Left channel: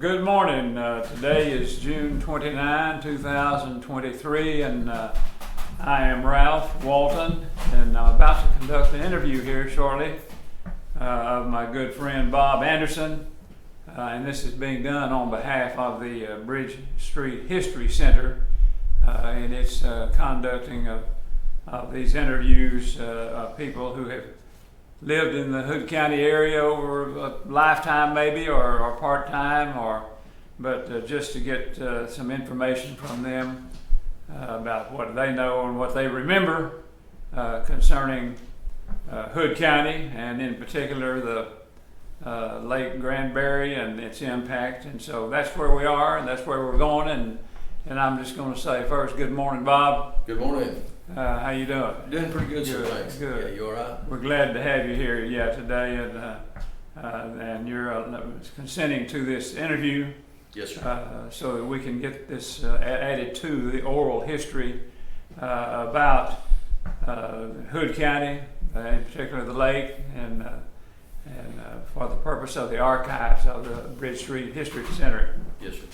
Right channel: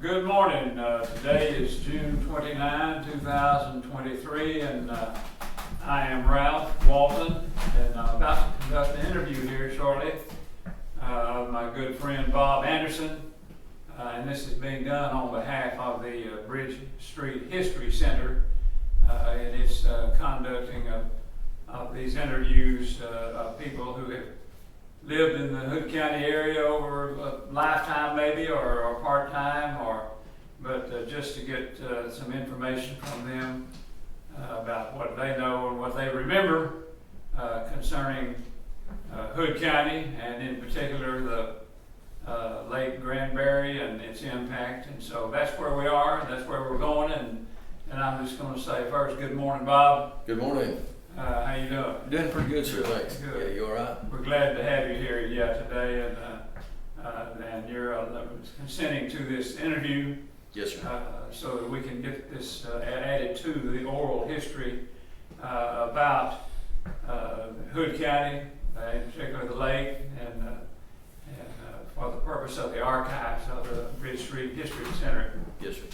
Good morning. Today is June 29, 2023, and I am Ralph Walton, and I'm about to conduct an interview here shortly of my good friend Bob Anderson, and this is being done on behalf of the Bridge Street History Center, and it's conducting of these interviews of people who have lived in the Hood County area over a lifetime maybe, or part-time, but just to get some information from them about what they know and what they remember concerning Hood County, and in particular the Lake Granbury and its impact. And so that's where we are, and that's where we're going, and I'm just going to say first, good morning, Bob. Good morning. How you doing? Doing pretty good, sir. Good, Thanks. good. Yeah, you all right? We're glad to have you here, today, and you're consenting to this interview. Yes, sir. So that we can get this added to the oral history about Hood County, in particular the lake, and for the purpose of the archives of the Bridge Street History Center. Yes, sir.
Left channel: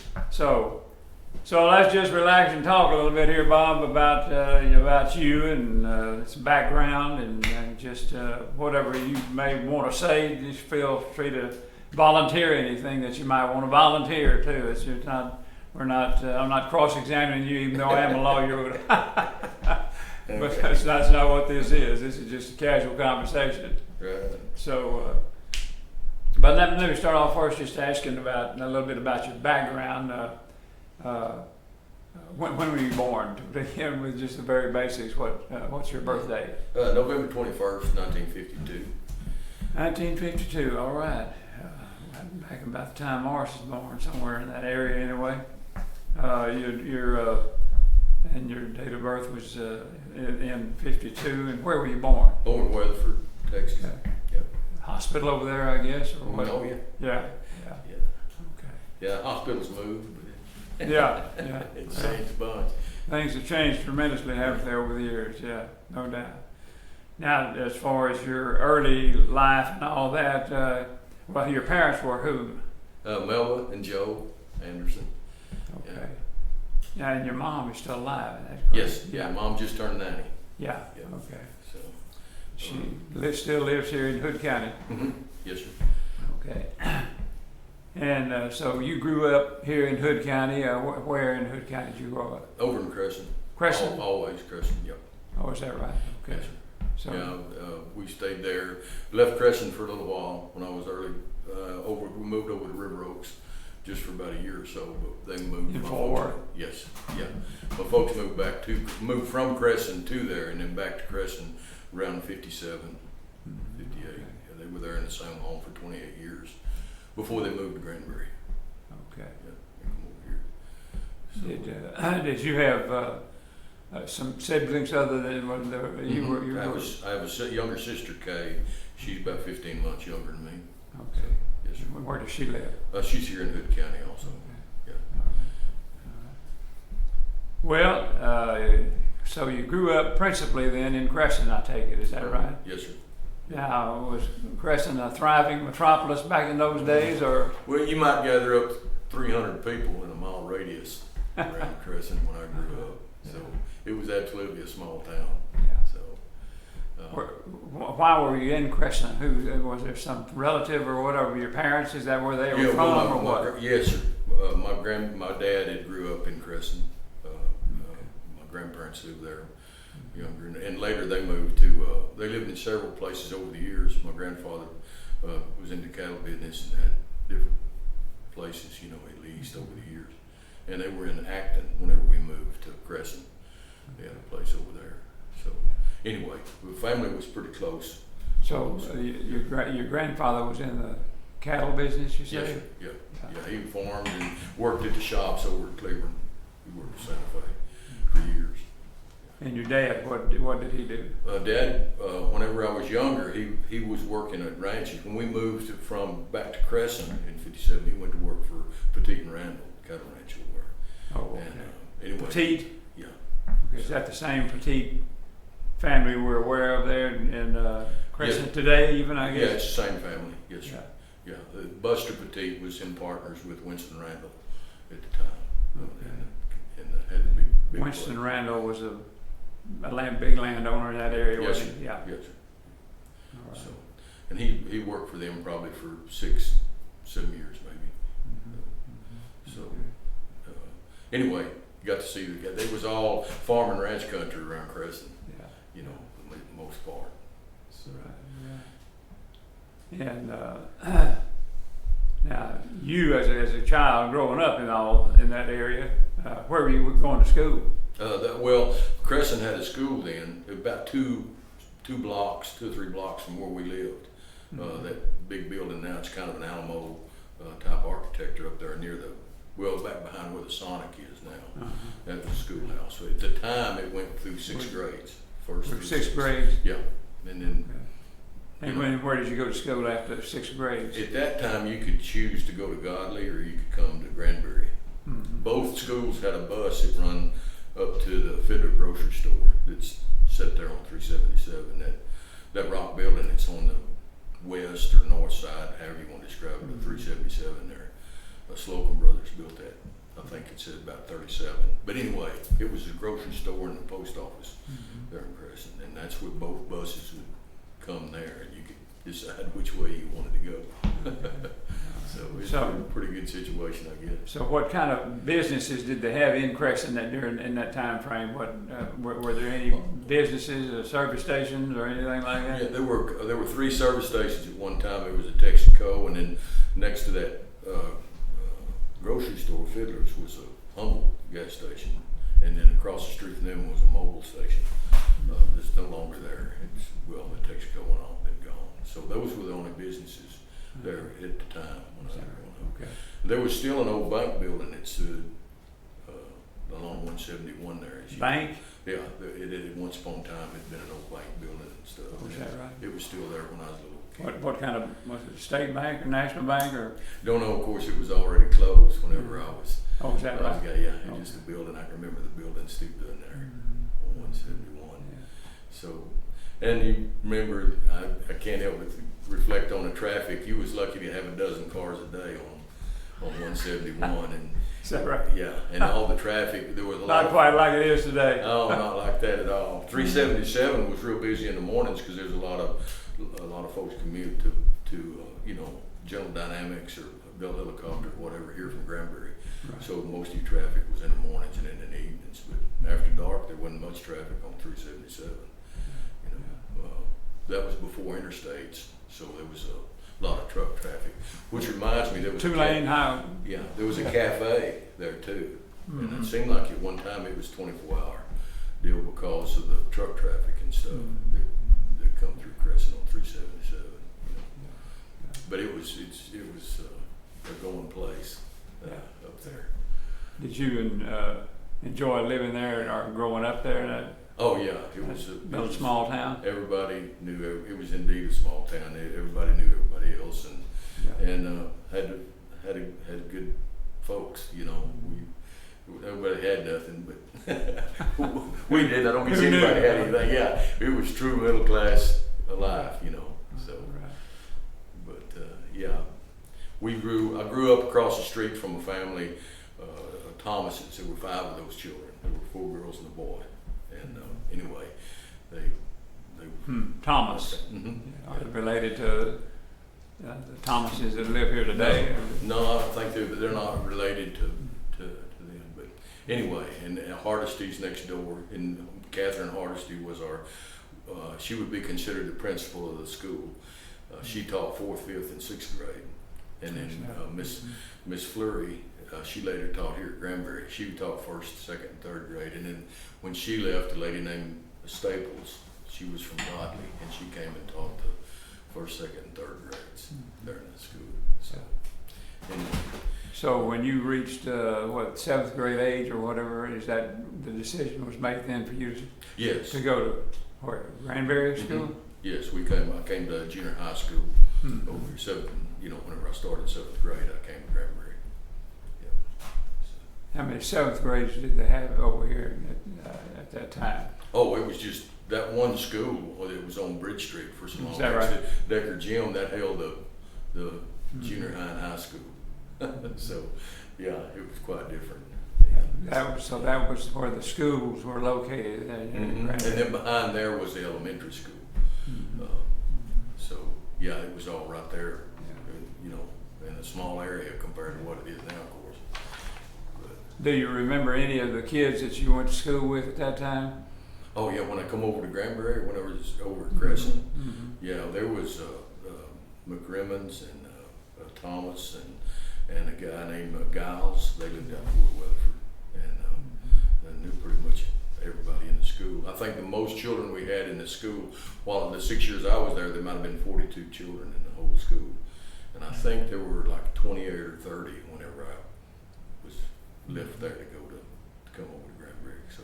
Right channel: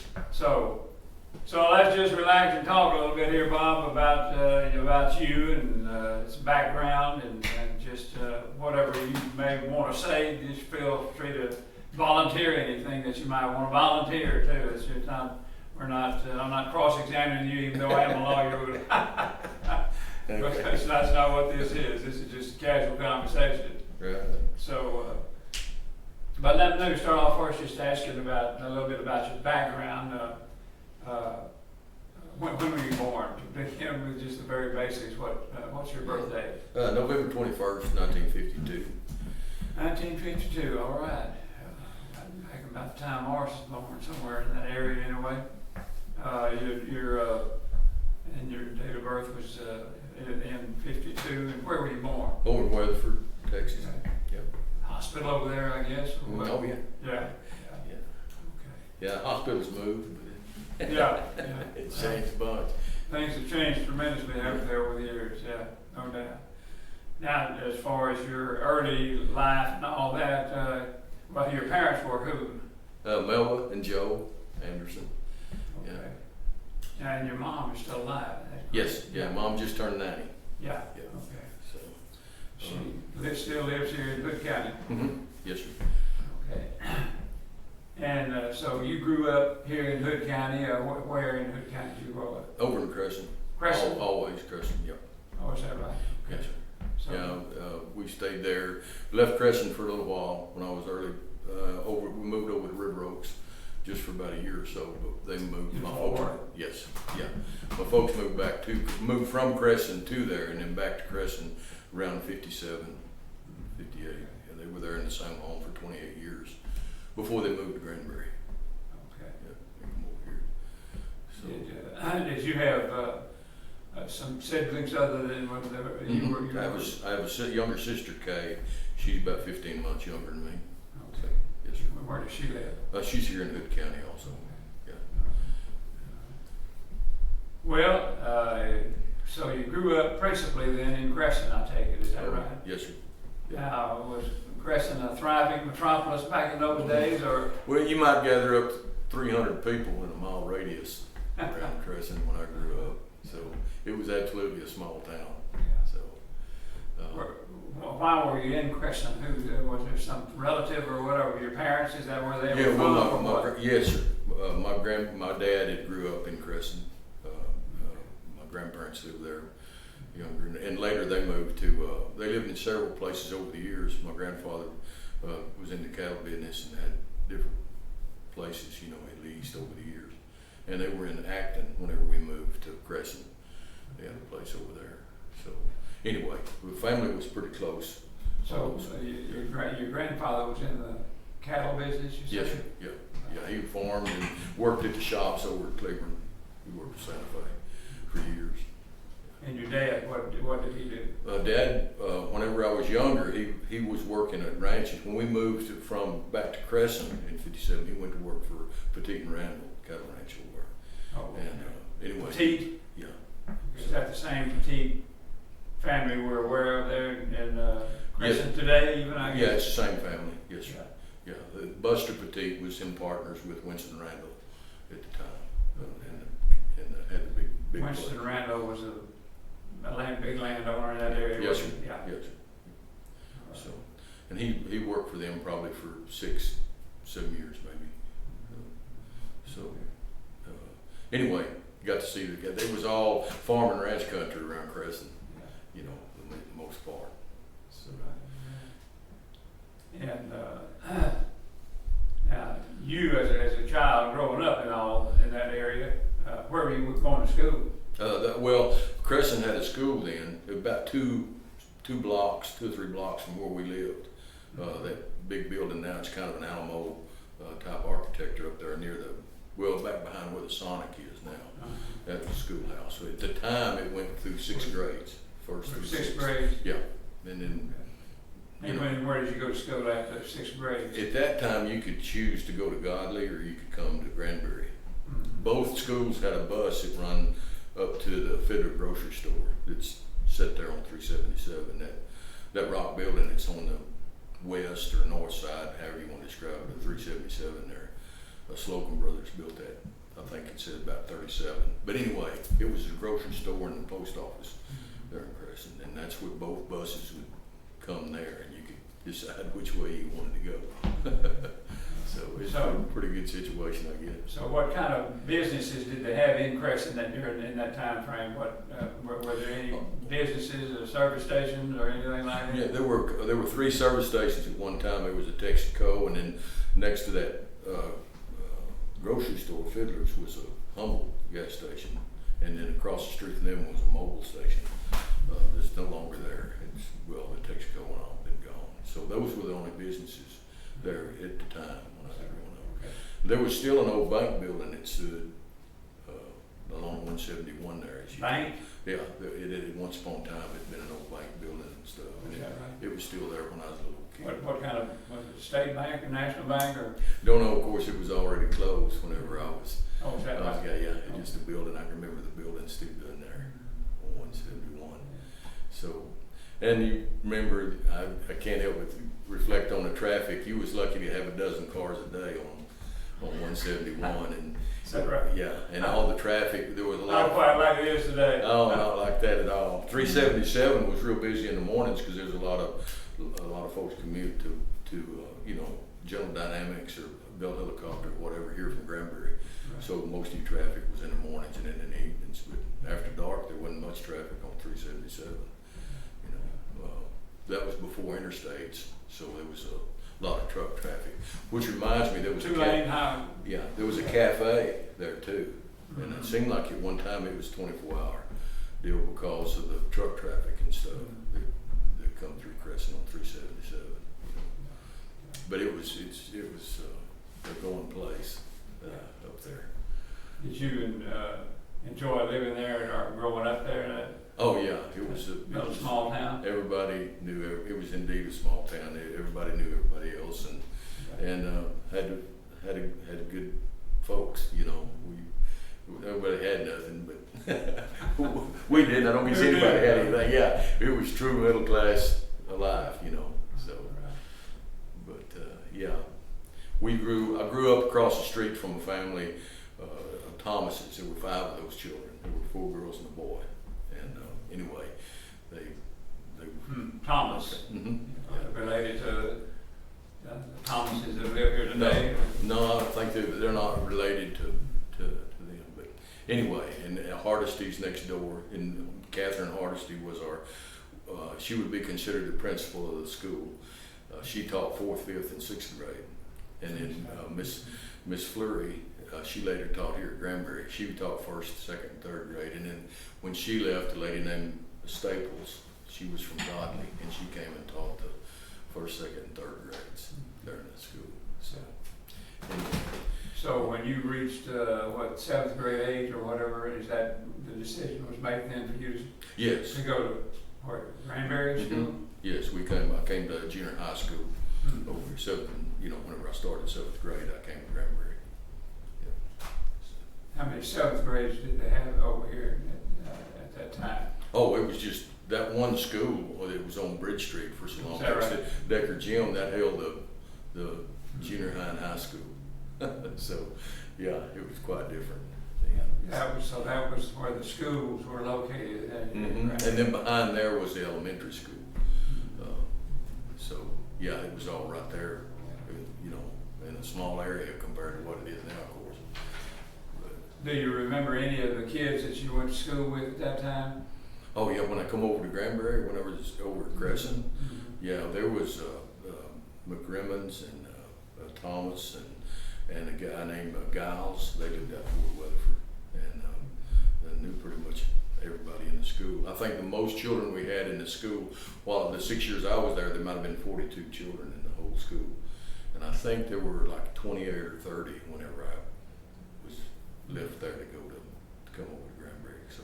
So let's just relax and talk a little bit here, Bob, about you and some background and just whatever you may want to say. Just feel free to volunteer anything that you might want to volunteer too. I'm not cross-examining you, even though I am a lawyer. Because that's not what this is. This is just a casual conversation. Right. So, but let me start off first just asking about a little bit about your background. When were you born? To begin with, just the very basics. What's your birthday? November 21st, 1952. 1952. All right. Back about the time Morris was born, somewhere in that area, anyway. And your date of birth was in 52. And where were you born? Born in Weatherford, Texas. Okay. Yep. Hospital over there, I guess. Or what? Oh yeah. Yeah. Yeah. Okay. Yeah. Hospitals moved, but Yeah. it changed a bunch. Things have changed tremendously, haven't they, over the years? Yeah, no doubt. Now, as far as your early life and all that, well, your parents were who? Melba and Joe Anderson. Okay. Yeah, and your mom is still alive. Yes. Yeah. Mom just turned 90. Yeah. Yeah. Okay. So. Still lives here in Hood County. Mm-hmm. Yes, sir. Okay. And so you grew up here in Hood County. Where in Hood County did you grow up? Over in Cresson. Cresson? Always Cresson. Yep. Oh, is that right? Okay. Yes, sir. So, Yeah, we stayed there. Left Cresson for a little while when I was early. We moved over to River Oaks just for about a year or so, but they moved. My folks. Yes, yeah. My folks moved from Cresson to there, and then back to Cresson around 57, 58. Yeah, they were there in the same home for 28 years before they moved to Granbury. Okay. Yeah, they come over here. So, Did you have some siblings other than what you were? I have a younger sister, Kay. She's about 15 months younger than me. Okay. So, yes, sir. Where does she live? She's here in Hood County also. Yeah. Well, so you grew up principally then in Cresson, I take it. Is that right? Yes, sir. Now, was Cresson a thriving metropolis back in those days, or? Well, you might gather up 300 people in a mile radius around Cresson when I grew up. So it was absolutely a small town. Yeah. So. Why were you in Cresson? Was there some relative or whatever? Your parents? Is that where they were from? Well, yes, sir. My dad had grew up in Cresson. My grandparents lived there, younger, and later they moved to. They lived in several places over the years. My grandfather was in the cattle business and had different places, he leased over the years. And they were in Acton whenever we moved to Cresson. They had a place over there. So anyway, the family was pretty close. So your grandfather was in the cattle business, you said? Yes, sir. Yeah. He farmed and worked at the shops over at Cleveland. He worked at Santa Fe for years. And your dad, what did he do? Dad, whenever I was younger, he was working at ranches. When we moved back to Cresson in 57, he went to work for Petite and Randall, cattle ranch over there. Oh, okay. And anyway. Petite? Yeah. Is that the same Petite family we're aware of there in Cresson today, even, I guess? Yeah, it's the same family, yes, sir. yeah. Buster Petit was in partners with Winston Randall at the time, and had the big Winston place. Randall was a big landowner in that area. Yes, sir. wasn't he? Yeah. Yes, sir. All right. So, and he worked for them probably for 6-7 years maybe. So, anyway, got to see the guy. They was all farm and ranch country around Cresson, Yeah. you know, for the most part. So, Yeah. And now, you as a child growing up in that area, where were you going to school? well, Cresson had a school then, about two or three blocks from where we lived. That big building now, it's kind of an Alamo type architecture up there near back behind where the Sonic is now. That was a schoolhouse. So at the time, it went through 6 grades. First through 6th grade? Yeah, and then. And where did you go to school after 6th grade? At that time, you could choose to go to Godley or you could come to Granbury. Both schools had a bus that run up to the Fiddler grocery store that's set there on 377. That rock building that's on the west or north side, however you want to describe it, the 377 there. Slocum Brothers built that. I think it said about 37. But anyway, it was a grocery store and the post office there in Cresson, and that's where both buses would come there, and you could decide which way you wanted to go. So it's a pretty good situation, I guess. So what kind of businesses did they have in Cresson in that time frame? Were there any businesses or service stations or anything like that? Yeah, there were 3 service stations at one time. There was a Texaco, and then next to that grocery store, Fiddler's, was a Humble gas station, and then across the street from them was a Mobile station. It's no longer there. The Texaco went on, been gone. So those were the only businesses there at the time when I was growing up. Okay. There was still an old bank building that stood along 171 there. Bank? Yeah, it once upon a time had been an old bank building and stuff. Oh, is that right? It was still there when I was a little kid. What kind of, was it State Bank or National Bank or? Don't know, of course, it was already closed whenever I was. Oh, is that right? Yeah, it's just a building. I can remember the building still doing there on 171. So, and you remember, I can't help but reflect on the traffic. You was lucky to have a dozen cars a day on 171, and Is that right? yeah, and all the traffic. There was a lot. Not quite like it is today. Oh, not like that at all. 377 was real busy in the mornings because there's a lot of folks commute to General Dynamics or Bell Helicopter or whatever here from Granbury. Right. So most of your traffic was in the mornings and in the evenings. But after dark, there wasn't much traffic on 377. That was before interstates, so there was a lot of truck traffic. Which reminds me, there was 2-lane highway. Yeah, there was a cafe there too, and it seemed like at one time it was 24-hour deal because of the truck traffic and stuff that come through Cresson on 377. But it was a going place up there. Did you enjoy living there or growing up there in Oh yeah, it was a small town? Everybody knew it was indeed a small town. Everybody knew everybody else, and had good folks. Everybody had nothing, but we didn't. I don't guess anybody had anything. Yeah, it was true middle class life. So, but yeah, I grew up across the street from a family of Thomases. There were 5 of those children. There were 4 girls and a boy. And anyway, they Thomas. Related to the Thomases that live here today? No, I don't think they're not related to them. But anyway, and Hardesty's next door, and Catherine Hardesty was she would be considered the principal of the school. She taught 4th, 5th, and 6th grade, and then Miss Fleury. She later taught here at Granbury. She taught 1st, 2nd, and 3rd grade, and then when she left, a lady named Staples, she was from Godley, and she came and taught the 1st, 2nd, and 3rd grades there in the school. So anyway. So when you reached 7th grade age or whatever, is that the decision was made then for you to go to Granbury School? Yes, I came to junior high school over here. Whenever I started 7th grade, I came to Granbury. How many 7th grades did they have over here at that time? Oh, it was just that one school that was on Bridge Street for so long. Is that right? Decker Gym that held the junior high and high school. So, yeah, it was quite different. That was where the schools were located. And then behind there was the elementary school. So, yeah, it was all right there, you know, in a small area compared to what it is now, of course. But, do you remember any of the kids that you went to school with at that time? oh, yeah, when I come over to Granbury, when I was over at Cresson, yeah, there was McGrimmons and Thomas and a guy named Giles. They lived out in Fort Weatherford, and I knew pretty much everybody in the school. I think the most children we had in the school, while the 6 years I was there might have been 42 children in the whole school. And I think there were like 28 or 30 whenever I was left there to come over to Granbury. So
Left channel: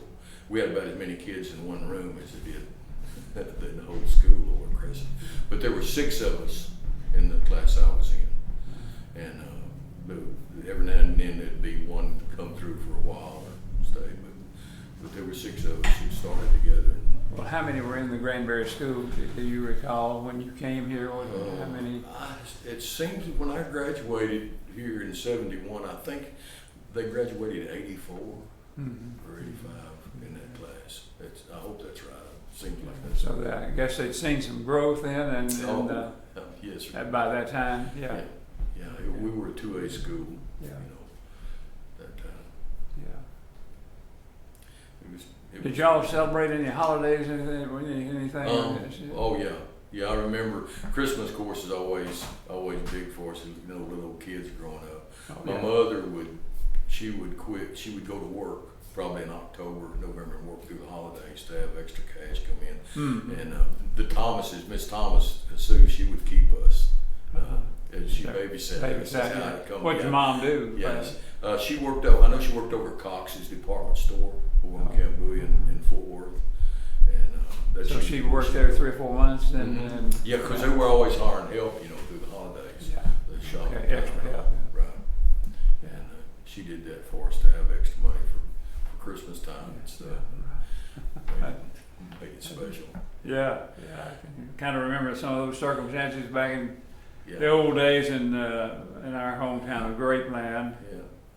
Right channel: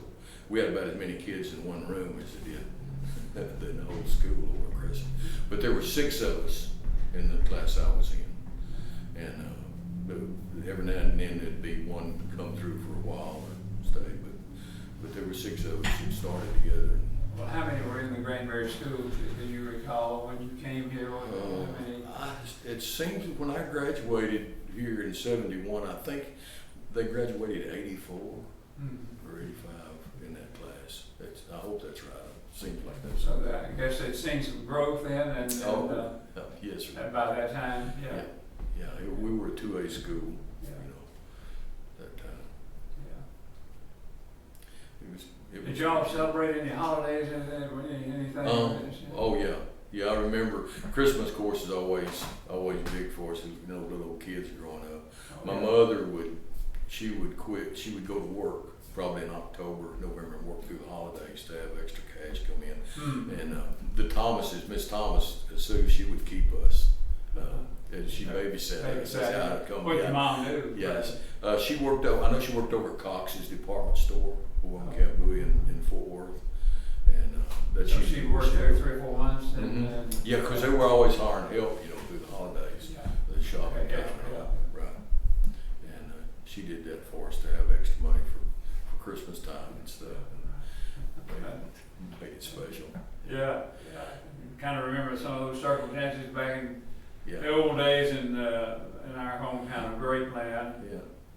we had about as many kids in one room as it did in the whole school over at Cresson. But there were 6 of us in the class I was in. And every now and then there'd be one come through for a while or stay. But there were 6 of us that started together. Well, how many were in the Granbury school? Do you recall when you came here? How many? It seems when I graduated here in '71, I think they graduated 84 or 85 in that class. I hope that's right. It seems like that's so I guess they'd seen some growth then, and yes, sir. by that time, yeah, we were a 2A school, yeah. you know, that time. Yeah. It Did was, y'all celebrate any holidays, anything? Oh yeah. Yeah, I remember Christmas, of course, is always big for us. You know, the little kids growing up. My mother she would go to work probably in October, November, and work through the holidays to have extra cash come in. And the Thomases, Miss Thomas, Sue, she would keep us. And she babysat us. That's how it come. What did your mom do? Yes, she worked. I know she worked over at Cox's department store over in Camp Bowie in Fort Worth, and that so she worked there 3 or 4 months. Yeah, because they were always hiring help, you know, through the holidays, the shopping time, right? And she did that for us to have extra money for Christmas time and stuff, and made it special. Yeah, I kind of remember some of those circumstances back in the old days in our hometown of Grapeland.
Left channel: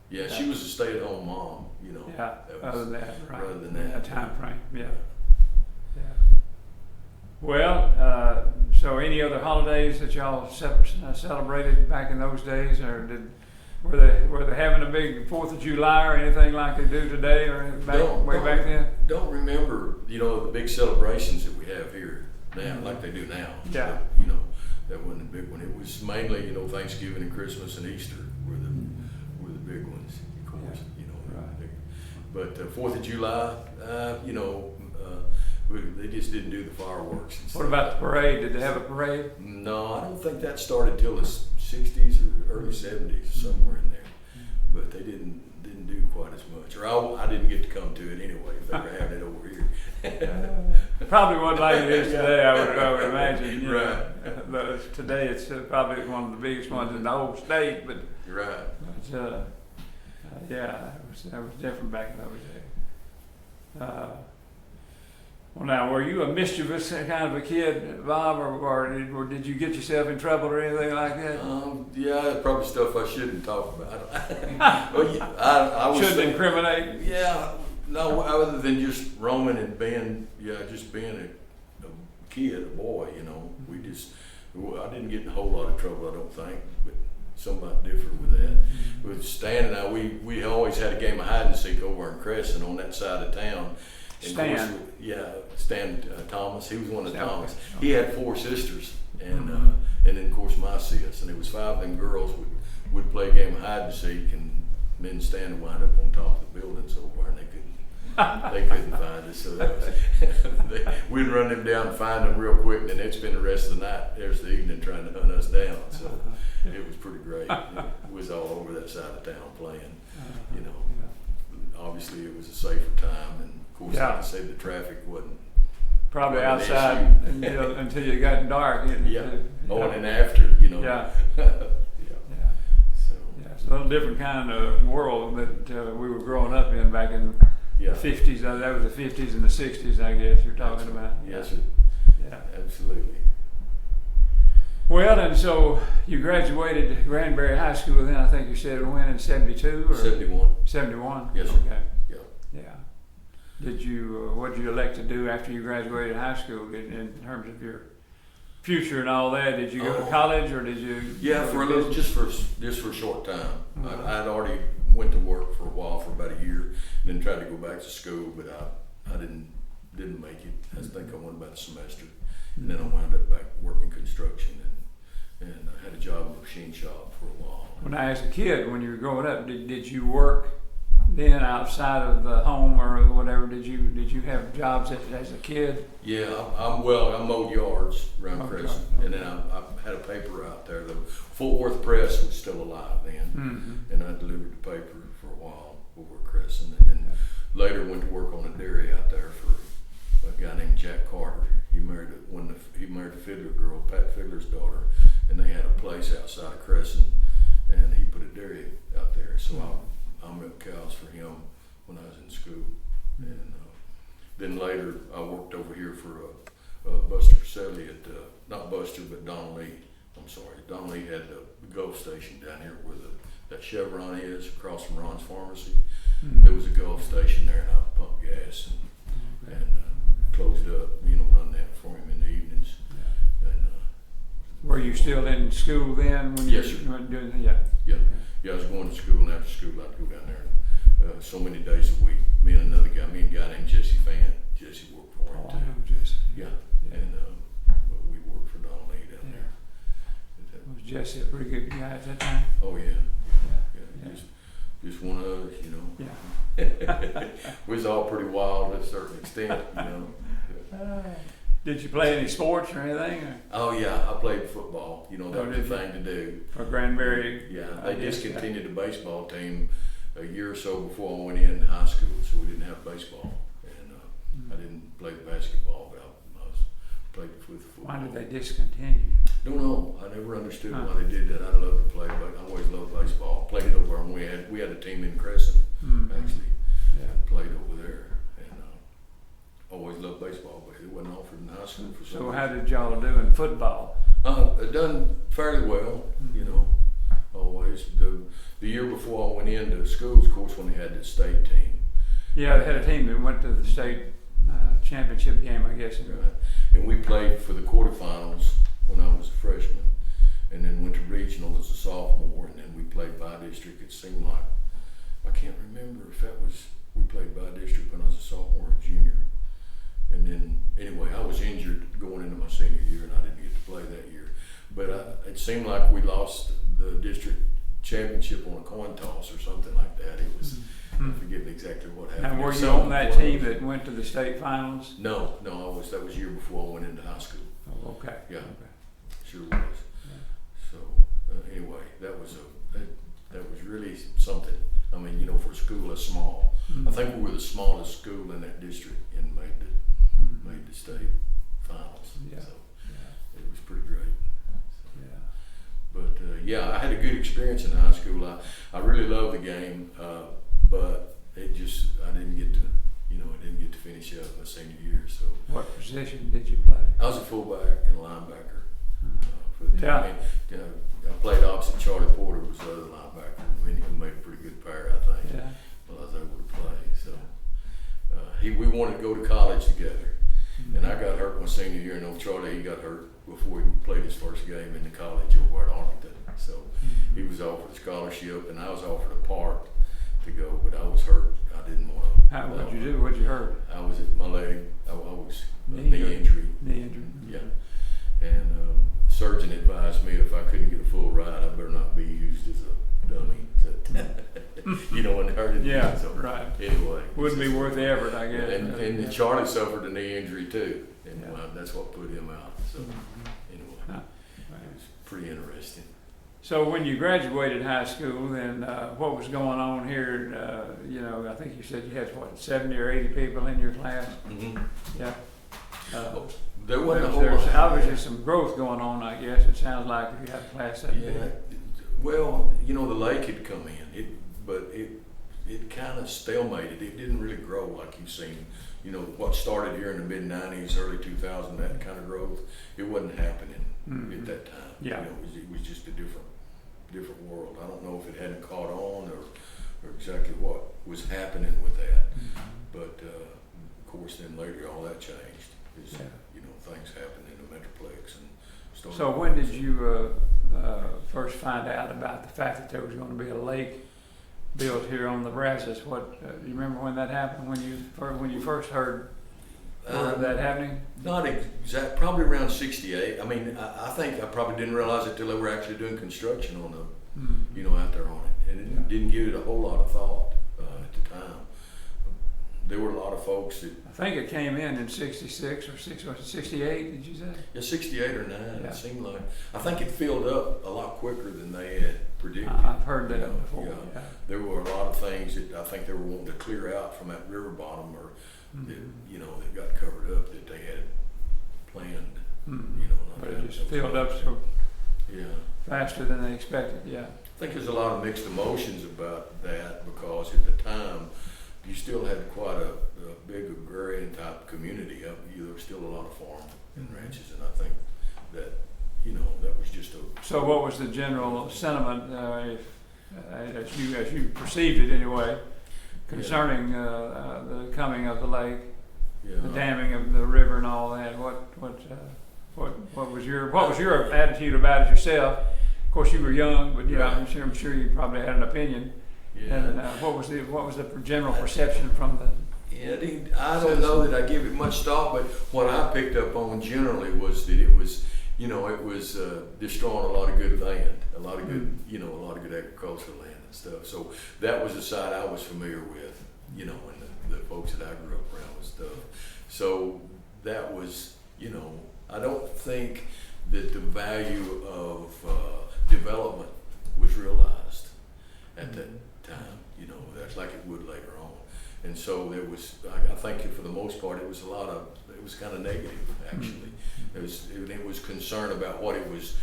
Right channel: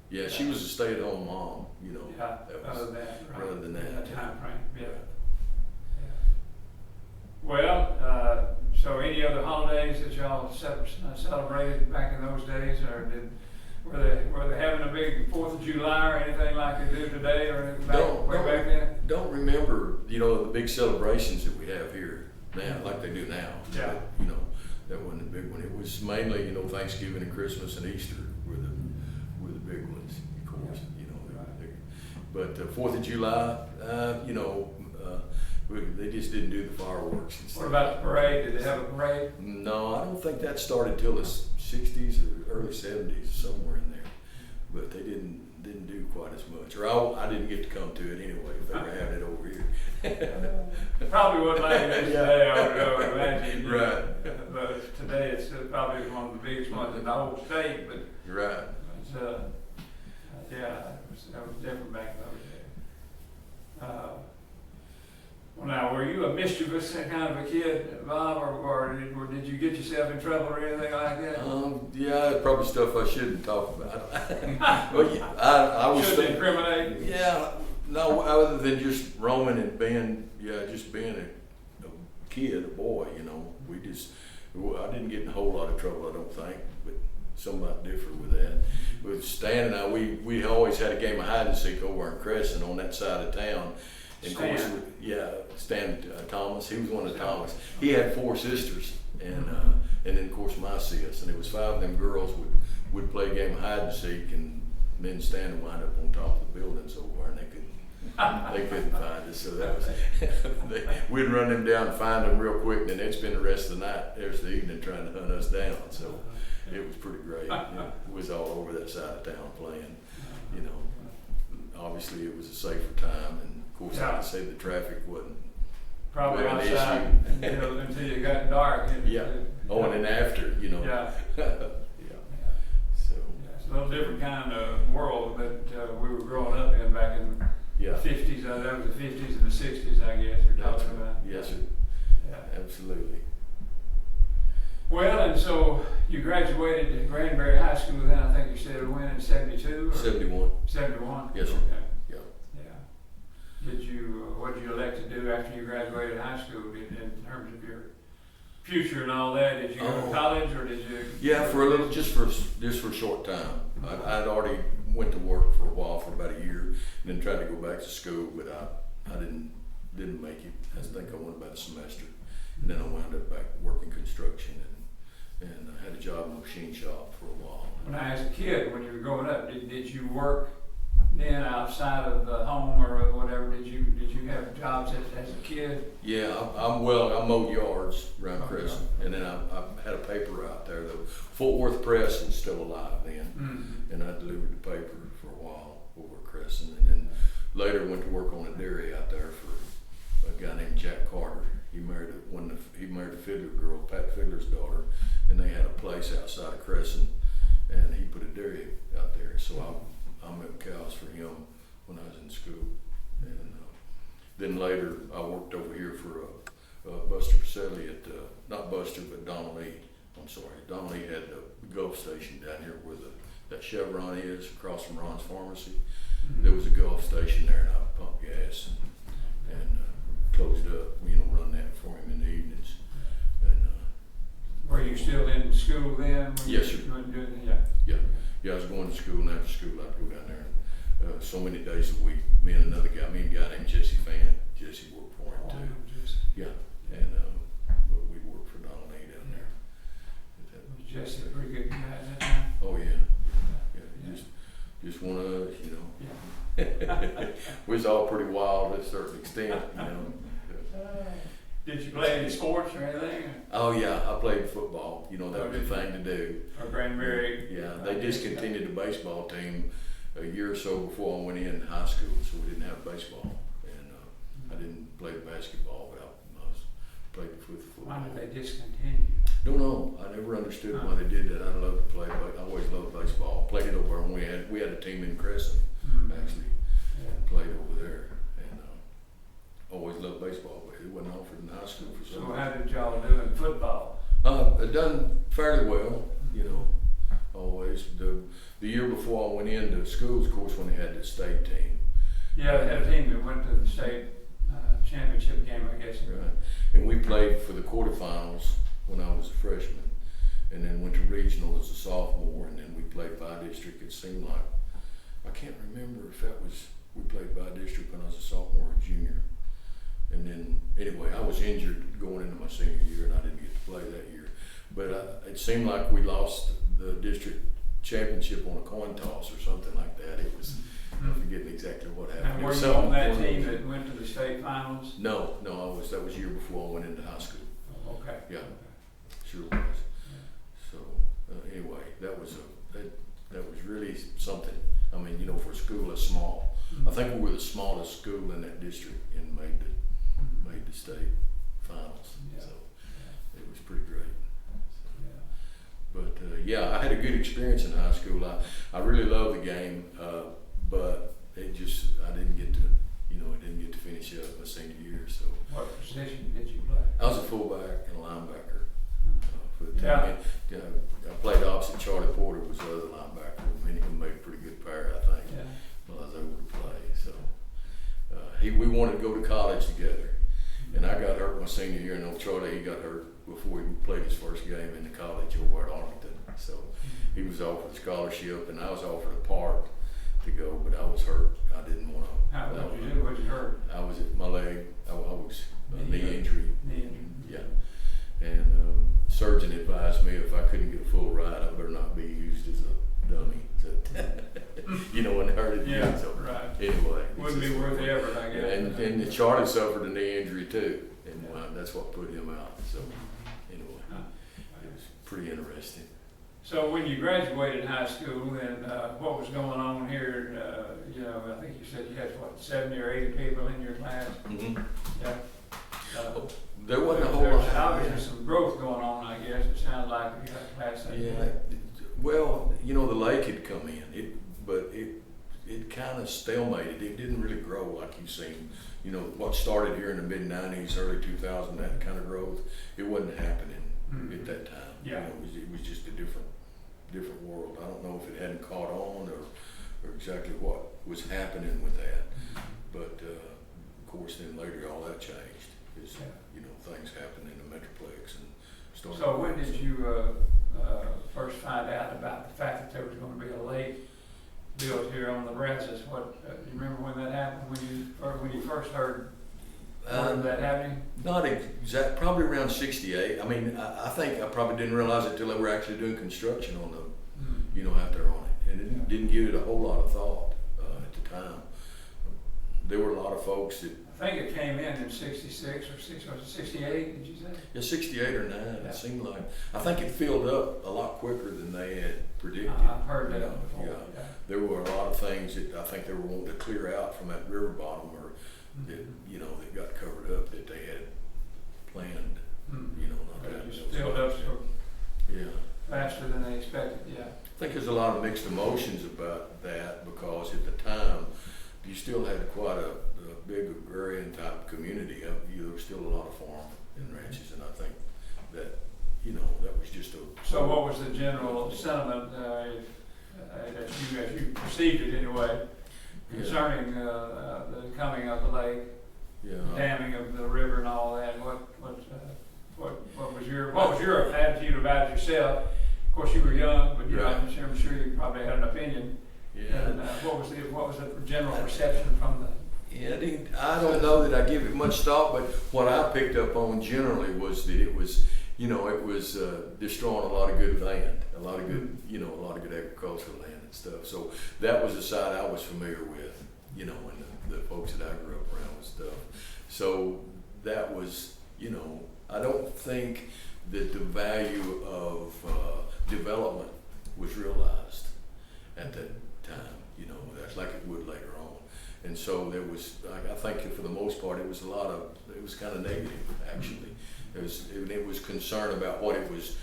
Yeah, she was a stay-at-home mom, you know. Yeah, other than that time frame. Yeah. Well, so any other holidays that y'all celebrated back in those days, or were they having a big 4th of July or anything like they do today, or back then? Don't remember, you know, the big celebrations that we have here now, like they do now. Yeah. But, you know, that wasn't a big one. It was mainly, you know, Thanksgiving and Christmas and Easter were the big ones, of course. You know, but 4th of July, you know, they just didn't do the fireworks and stuff. What about the parade? Did they have a parade? No, I don't think that started till the 60s or early 70s, somewhere in there. But they didn't do quite as much, or I didn't get to come to it anyway. If they were having it over here, probably wasn't like it is today. I would imagine. Right. But today it's probably one of the biggest ones in the whole state. But right. Yeah, that was different back in those days. Well, now, were you a mischievous kind of a kid, Bob, or did you get yourself in trouble or anything like that? Yeah, probably stuff I shouldn't talk about. Well, yeah, I was shouldn't incriminate. Yeah, no, other than just roaming and being a kid, a boy, you know. I didn't get in a whole lot of trouble, I don't think, but some might differ with that. With Stan and I, we always had a game of hide and seek over in Cresson on that side of town. And Stan. Of course, Stan Thomas. He was one of the Thomas. He had 4 sisters, and then of course my sis, and it was 5 of them girls would play a game of hide and seek, and then Stan would wind up on top of the buildings over, and they couldn't find us. So that was we'd run them down and find them real quick, and then they'd spend the rest of the night, the evening, trying to hunt us down. So it was pretty great. It was all over that side of town playing. You know, obviously it was a safer time, and of course, like I said, the traffic wasn't probably an outside until you got dark. And then after, you know. Yeah. So it's a little different kind of world that we were growing up in back in the 50s. That was the 50s and the 60s, I guess you're talking about. Yes, sir. Yeah, absolutely. Well, and so You graduated at Granbury High School then, I think you said it went in 72 or? 71. 71? Yes, sir. Okay. Yeah. Yeah. What did you elect to do after you graduated high school in terms of your future and all that? Did you go to college or did you? Yeah, for a little, just for a short time. I'd already went to work for a while, for about a year, and then tried to go back to school, but I didn't make it. I think I went about a semester, and then I wound up back working construction, and I had a job in a machine shop for a while. When I was a kid, when you were growing up, did you work then outside of the home or whatever? Did you have jobs as a kid? Yeah, I mowed yards around Cresson, and then I had a paper out there. The Fort Worth Press was still alive then, and I delivered the paper for a while over at Cresson, and then later went to work on a dairy out there for a guy named Jack Carter. He married the Fiddler girl, Pat Fiddler's daughter, and they had a place outside of Cresson, and he put a dairy out there. So I milked cows for him when I was in school, and then later I worked over here for Buster Pacelli at not Buster but Don Lee. I'm sorry, Don Lee had the Gulf station down here where that Chevron is across from Ron's Pharmacy. There was a Gulf station there, and I pumped gas and closed up, run that for him in the evenings. And were you still in school then? When yes, sir. You were doing that? Yeah, I was going to school, and after school I'd go down there so many days a week. Me and a guy named Jesse Fan. Jesse worked for him too. Yeah, and but we worked for Donald Lee down there. Was Jesse a pretty good guy at that time? Oh yeah. Just one of us, Yeah. We was all pretty wild to a certain extent, Did you play any sports or anything? Oh yeah, I played football. That was the thing to do. For Granbury? Yeah, they discontinued the baseball team a year or so before I went in high school, so we didn't have baseball, and I didn't play basketball, but I played with football. Why did they discontinue? Don't know. I never understood why they did that. I'd love to play, but I always loved baseball. Played it over, and we had a team in Cresson actually. Played over there, and always loved baseball, but it wasn't offered in high school for some So reason. how did y'all do in football? I've done fairly well, always. The year before I went into schools, of course, when they had the state team. Yeah, they had a team that went to the state championship game, I guess. Right. And we played for the quarterfinals when I was a freshman, and then went to regional as a sophomore, and then we played by-district. It seemed like, I can't remember if we played by-district when I was a sophomore or junior. And then, anyway, I was injured going into my senior year, and I didn't get to play that year. But it seemed like we lost the district championship on a coin toss or something like that. It was, I'm forgetting exactly what happened. And were you on that team that went to the state finals? No, that was year before I went into high school. Oh, okay. Yeah, sure was. So anyway, that was really something. I mean, for a school that's small, I think we were the smallest school in that district and made the state finals. Yeah. So it was pretty great. Yeah. But I had a good experience in high school. I really loved the game, but I didn't get to finish up my senior year. So What position did you play? I was a fullback and a linebacker for the team. Yeah. I played opposite Charlie Porter, was the other linebacker. I mean, he made a pretty good pair, I think. Yeah. Well, I was able to play. So we wanted to go to college together, and I got hurt my senior year. And old Charlie, he got hurt before he played his first game in the college over at Arlington. So he was offered a scholarship, and I was offered a part to go, but I was hurt. I didn't want to. How did you do? What'd you hurt? I was at my leg. I was knee injury. Knee injury. Yeah. And surgeon advised me if I couldn't get a full ride, I better not be used as a dummy. And hurt it. Yeah, so, right. Anyway. Wouldn't be worth the effort, I guess. And Charlie suffered a knee injury too, and that's what put him out. So anyway, it was pretty interesting. So when you graduated high school, then what was going on here? I think you said you had 70 or 80 people in your class. Mm-hmm. Yeah. There wasn't a whole There's lot. obviously some growth going on, I guess. It sounds like if you had a class that Yeah. big. Well, the lake had come in, but it kind of stalemated. It didn't really grow like you've seen. What started here in the mid '90s, early 2000, that kind of growth, it wasn't happening at that time. Yeah. It was just a different world. I don't know if it hadn't caught on or exactly what was happening with that. But of course, then later all that changed. Things happened in the Metroplex and started. So when did you first find out about the fact that there was going to be a lake built here on the Brazos? You remember when that happened? When you first heard of that happening? Not exact. Probably around '68. I mean, I think I probably didn't realize it till they were actually doing construction on the, out there on it, and it didn't give it a whole lot of thought at the time. There were a lot of folks that. I think it came in '66 or 68. Did you say? Yeah, '68 or '9. Yeah. It seemed like. I think it filled up a lot quicker than they had predicted. I've heard that before. Yeah. There were a lot of things that I think they were wanting to clear out from that river bottom, or that that got covered up that they had planned. Not But that. it just filled up so faster than they expected. Yeah. I think there's a lot of mixed emotions about that because at the time you still had quite a big agrarian type community. There was still a lot of farm and ranches, and I think that that was just a. So what was the general sentiment, as you perceived it anyway, concerning the coming of the lake, the damming of the river and all that? What was your attitude about it yourself? Of course, you were young, but I'm sure you probably had an opinion. Yeah. And what was the general perception from the? Yeah, I don't know that I give it much thought, but what I picked up on generally was that it was destroying a lot of good land, a lot of good, a lot of good agricultural land and stuff. So that was the side I was familiar with, and the folks that I grew up around and stuff. So that was, I don't think that the value of development was realized at that time, that's like it would later on. And so there was, I think for the most part, it was kind of negative actually. It was concern about what it was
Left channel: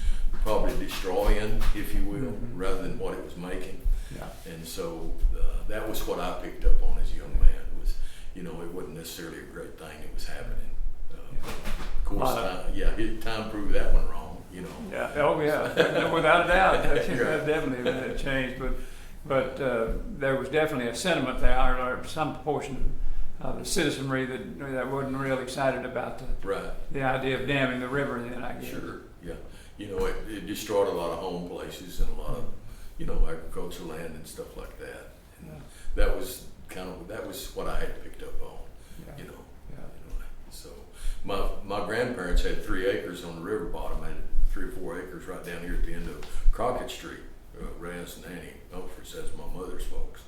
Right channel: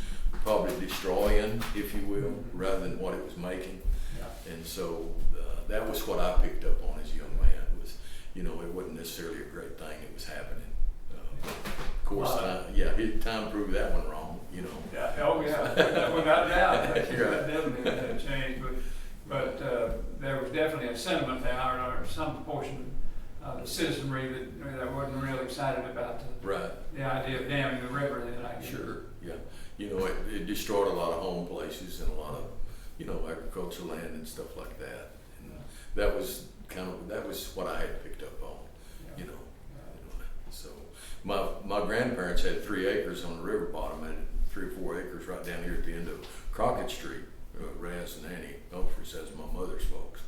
probably destroying, if you will, rather than what it was making. Yeah. And so that was what I picked up on as a young man was, it wasn't necessarily a great thing that was happening. Of course, time proved that one wrong, Yeah, oh yeah, without doubt, that definitely had changed, but there was definitely a sentiment there, or some portion of the citizenry that wasn't real excited about the idea of damming the river then, I guess. Sure, yeah. It destroyed a lot of home places and a lot of, agricultural land and stuff like that. And that was what I had picked up on, So my grandparents had 3 acres on the river bottom. I had 3 or 4 acres right down here at the end of Crockett Street. Raz and Annie Humphreys, as my mother's folks,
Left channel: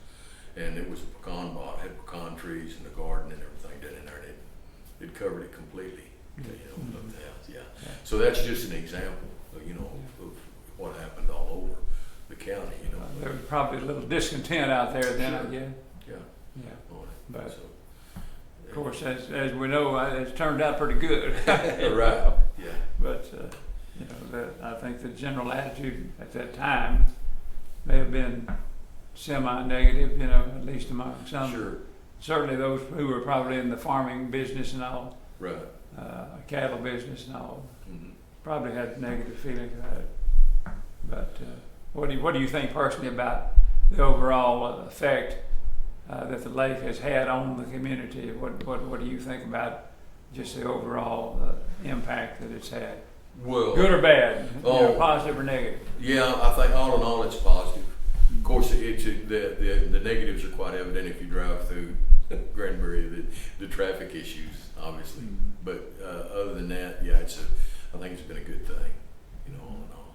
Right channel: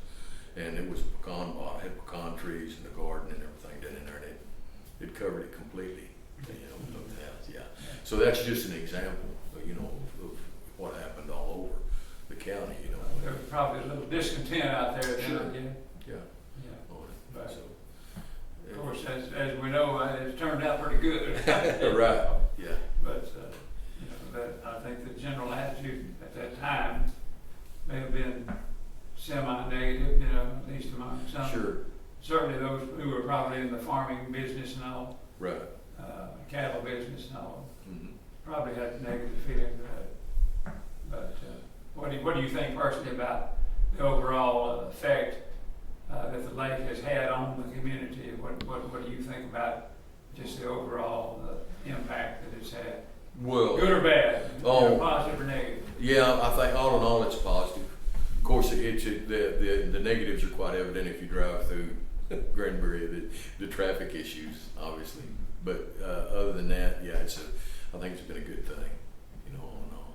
and it was a pecan bog. It had pecan trees and a garden and everything down in there, and it covered it completely, of the house. Yeah. So that's just an example, of what happened all over the county. There was probably a little discontent out there then, Sure. I guess. Yeah. On it. But So, of course, as we know, it's turned out pretty good. right. Yeah. But I think the general attitude at that time may have been semi-negative, at least among some. Sure. Certainly those who were probably in the farming business and all, Right. cattle business and all, Mm-hmm. probably had negative feelings about it. But what do you think personally about the overall effect that the lake has had on the community? What do you think about just the overall impact that it's had? Well, Good or bad? Oh. Positive or negative? yeah, I think all in all it's positive. Of course, the negatives are quite evident if you drive through Granbury, the traffic issues, obviously. But other than that, I think it's been a good thing, all in all.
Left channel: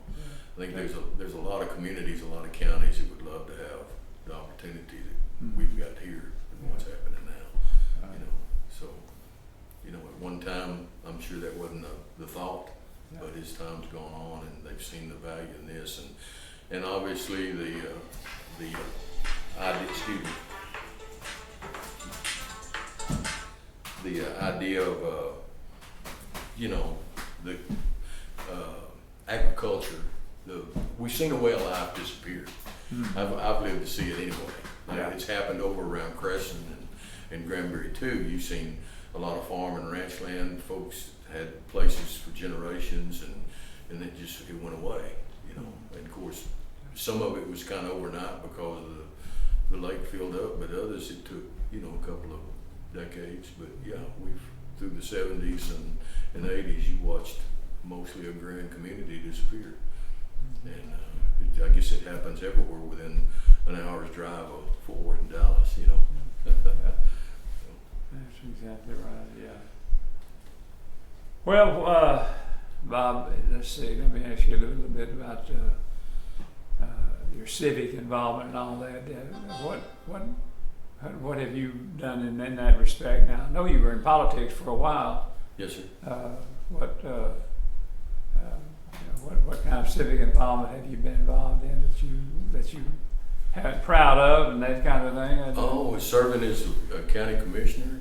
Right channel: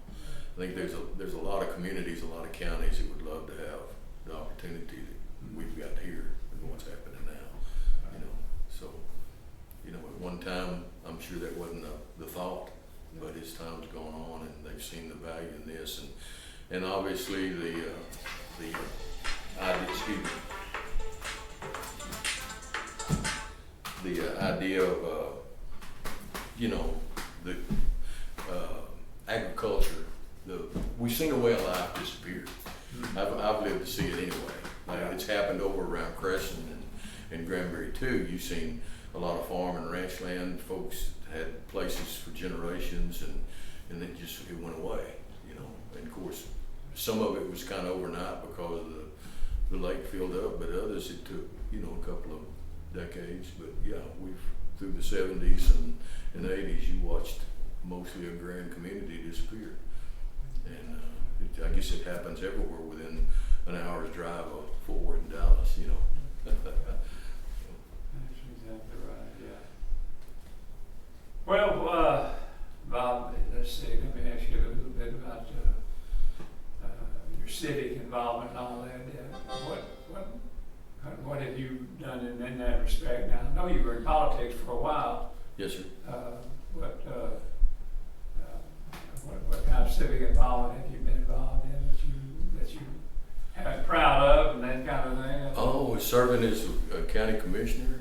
I think there's a lot of communities, a lot of counties that would love to have the opportunity that we've got here and what's happening now, So, at one time, I'm sure that wasn't the thought, but as time's gone on and they've seen the value in this, and obviously the idea of the agriculture, we've seen a way of life disappear. I've lived to see it anyway. It's happened over around Cresson and Granbury too. You've seen a lot of farm and ranch land. Folks had places for generations, and and it went away, you know. And of course, some of it was kind of overnight because of the lake filled up, but others it took, you know, a couple of decades. But yeah, through the 70s and 80s, you watched mostly a agrarian community disappear. And I guess it happens everywhere within an hour's drive of Fort Worth and Dallas, you know. That's exactly right, yeah. Well, Bob, let's see, let me ask you a little bit about your civic involvement and all that. What have you done in that respect? Now, I know you were in politics for a while. Yes, sir. What kind of civic involvement have you been involved in that you have proud of and that kind of thing? Oh, serving as a county commissioner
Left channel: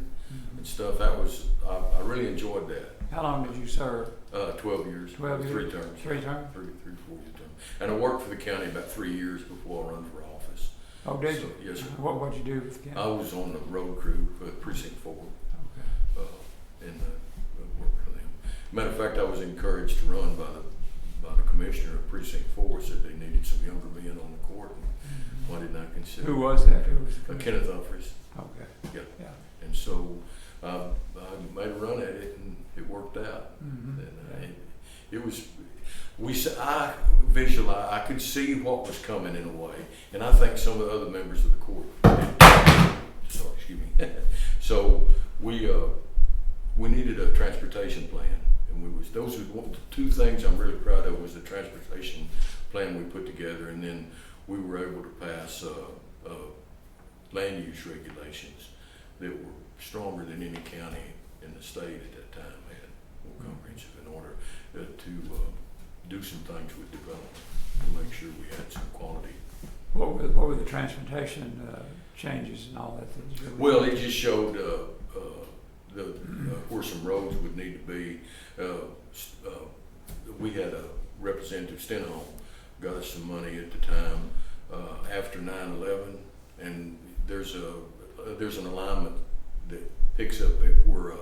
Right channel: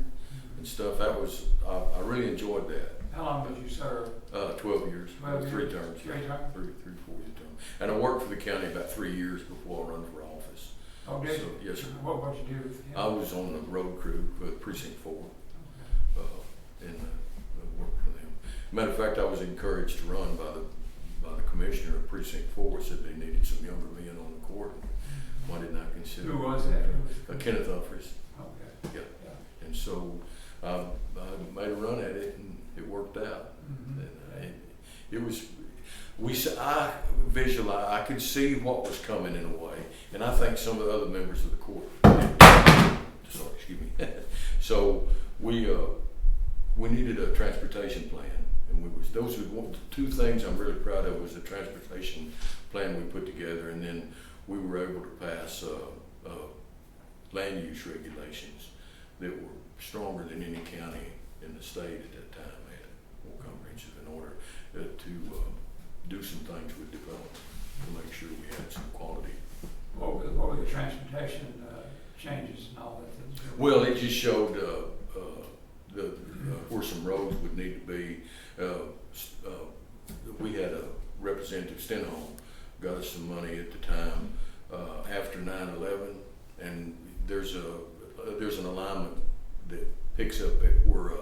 and stuff. That was I really enjoyed that. How long did you serve? 12 years. 12 years. 3 terms. 3 terms? 3 4-year term. And I worked for the county about 3 years before I run for office. Oh, did you? Yes, sir. What'd you do with the county? I was on the road crew for Precinct 4. Okay. And worked for them. Matter of fact, I was encouraged to run by the commissioner of Precinct 4. Said they needed some younger men on the court. And why didn't I consider? Who was that? Kenneth Humphreys. Okay. Yeah. And so I made a run at it, and it worked out. Mm-hmm. And it was. I visualized. I could see what was coming in a way, and I think some of the other members of the court did. Sorry, excuse me. So we needed a transportation plan, and those were the 2 things I'm really proud of was the transportation plan we put together, and then we were able to pass land use regulations that were stronger than any county in the state at that time had, more comprehensive, in order to do some things with development to make sure we had some quality. What were the transportation changes and all that? Well, it just showed where some roads would need to be. We had a Representative Stenholm got us some money at the time after 9/11, and there's an alignment that picks up at where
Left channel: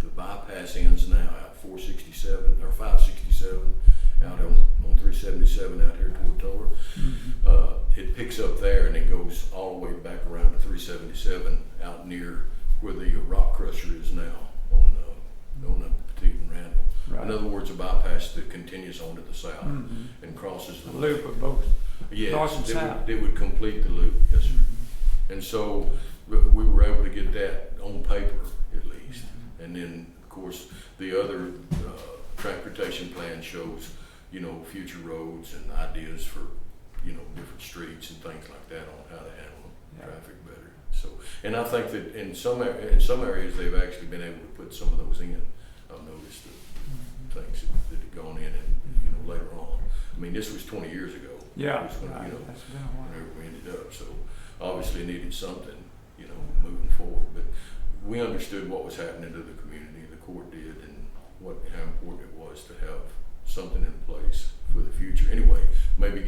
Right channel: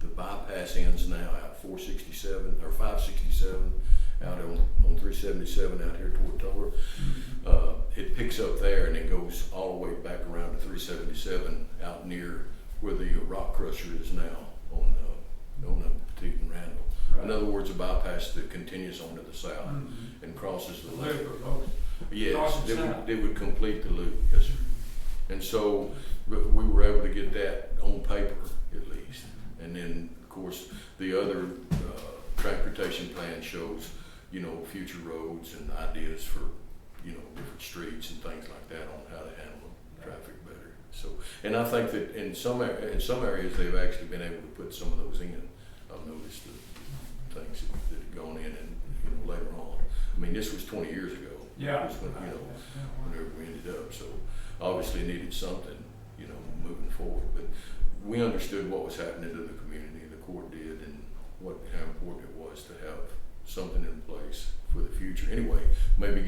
the bypass ends now at 467 or 567 out on 377 out here toward Toller. Mm-hmm. It picks up there and it goes all the way back around to 377 out near where the rock crusher is now on Petite and Randall. Right. In other words, a bypass that continues on to the south Mm-hmm. and crosses the loop lake. of both. Yes, north and south. they would complete the loop. Yes, sir. And so we were able to get that on paper at least. And then, of course, the other transportation plan shows, you know, future roads and ideas for, you know, different streets and things like that on how to handle traffic better. So, and I think that in some areas they've actually been able to put some of those in. I've noticed the things that had gone in, and you know, later on. I mean, this was 20 years ago. Yeah. It was when, you know, whenever we ended up. So obviously needed something, you know, moving forward. But we understood what was happening to the community. The court did, and how important it was to have something in place for the future. Anyway, maybe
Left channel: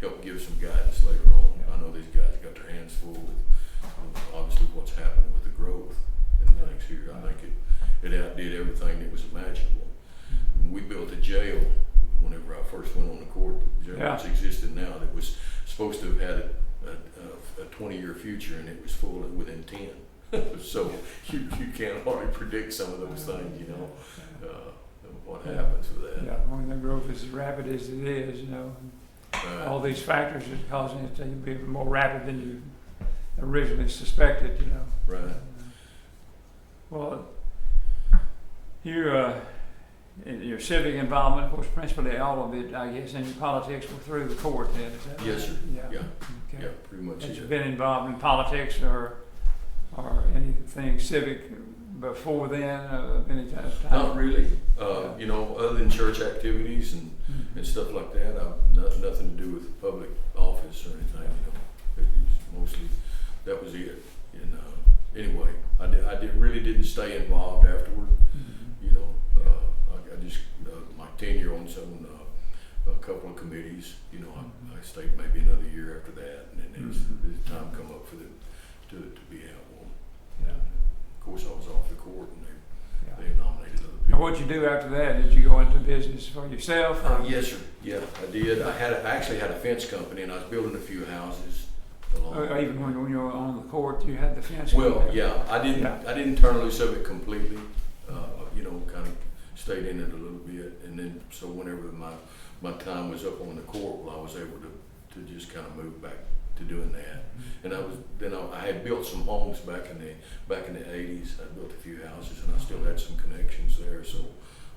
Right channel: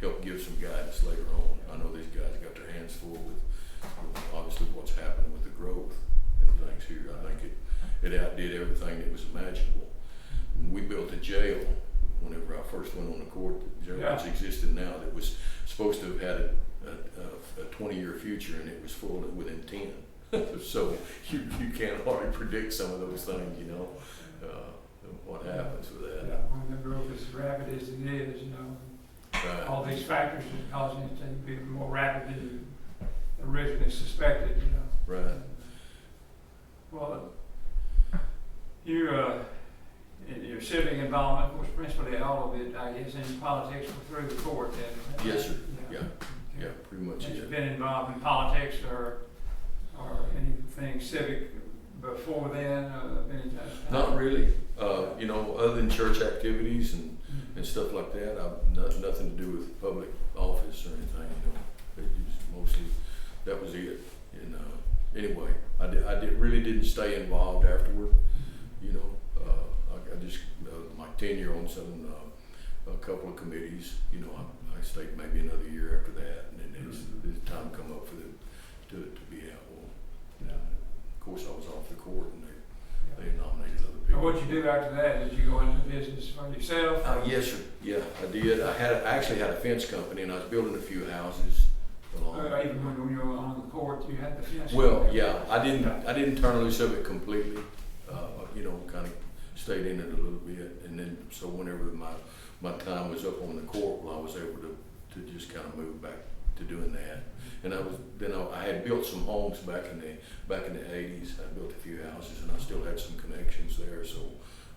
help give some guidance later on. I know these guys got their hands full with obviously what's happening with the growth and things here. I think it outdid everything that was imaginable. And we built a jail whenever I first went on the court. The jail that's existed now that was supposed to have had a 20-year future, and it was full within 10. So you can't hardly predict some of those things, you know. What happens with that? Yeah, when the growth is as rapid as it is, you know, Right. all these factors are causing it to be more rapid than you originally suspected, you know. Right. Well, in your civic involvement, of course, principally all of it, I guess, in politics through the court. Yes, sir. Yeah. Yeah. Okay. Yeah, pretty much. Have you Yeah. been involved in politics or anything civic before then? Any time? Not really. You know, other than church activities and stuff like that, I've nothing to do with public office or anything. You know, it was mostly that was it. And anyway, I really didn't stay involved afterward. You know, I just my tenure on a couple of committees. You know, I stayed maybe another year after that, and then as time come up for them to be out. Well, of course, I was off the court, and they nominated other Now, people. what'd you do after that? Did you go into business for yourself? Yes, sir. Yeah, I did. I actually had a fence company, and I was building a few houses along. Even when you were on the court, you had the fence? Well, company? yeah, I didn't turn loose of it completely. Kind of stayed in it a little bit, and then so whenever my time was up on the court, well, I was able to just kind of move back to doing that. And I had built some homes back in the 80s. I built a few houses, and I still had some connections there. So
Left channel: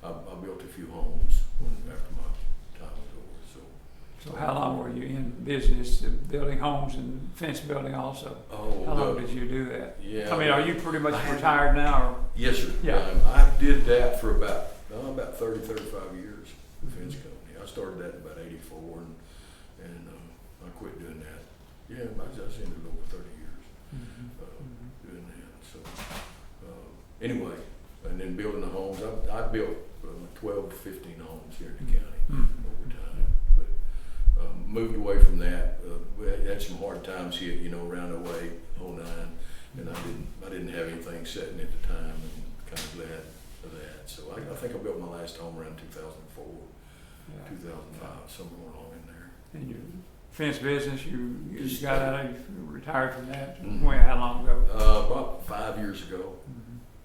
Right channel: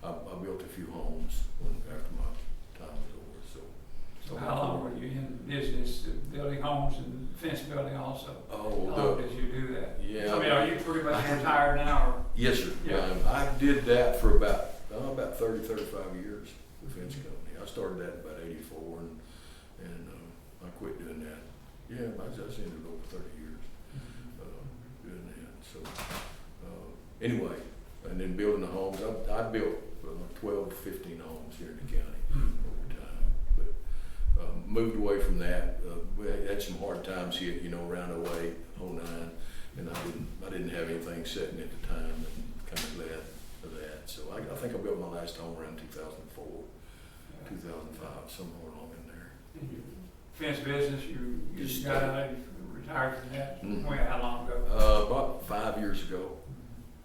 I built a few homes after my time was over. So how long were you in business, building homes and fence building also? Oh, how long did you do that? Yeah. I mean, are you pretty much retired now? Or? Yes, sir. Yeah. I did that for about 30, 35 years, the fence company. I started that in about 84, and I quit doing that. Yeah, I was in it over 30 years doing that. So anyway, and then building the homes. I built 12 to 15 homes here in the county over time, but moved away from that. We had some hard times hit, around 08, 09, and I didn't have anything setting at the time, and kind of glad of that. So I think I built my last home around 2004, 2005, somewhere along in there. And your fence business, you Just got out, you retired from that? Mhm. When, how long ago? About 5 years ago.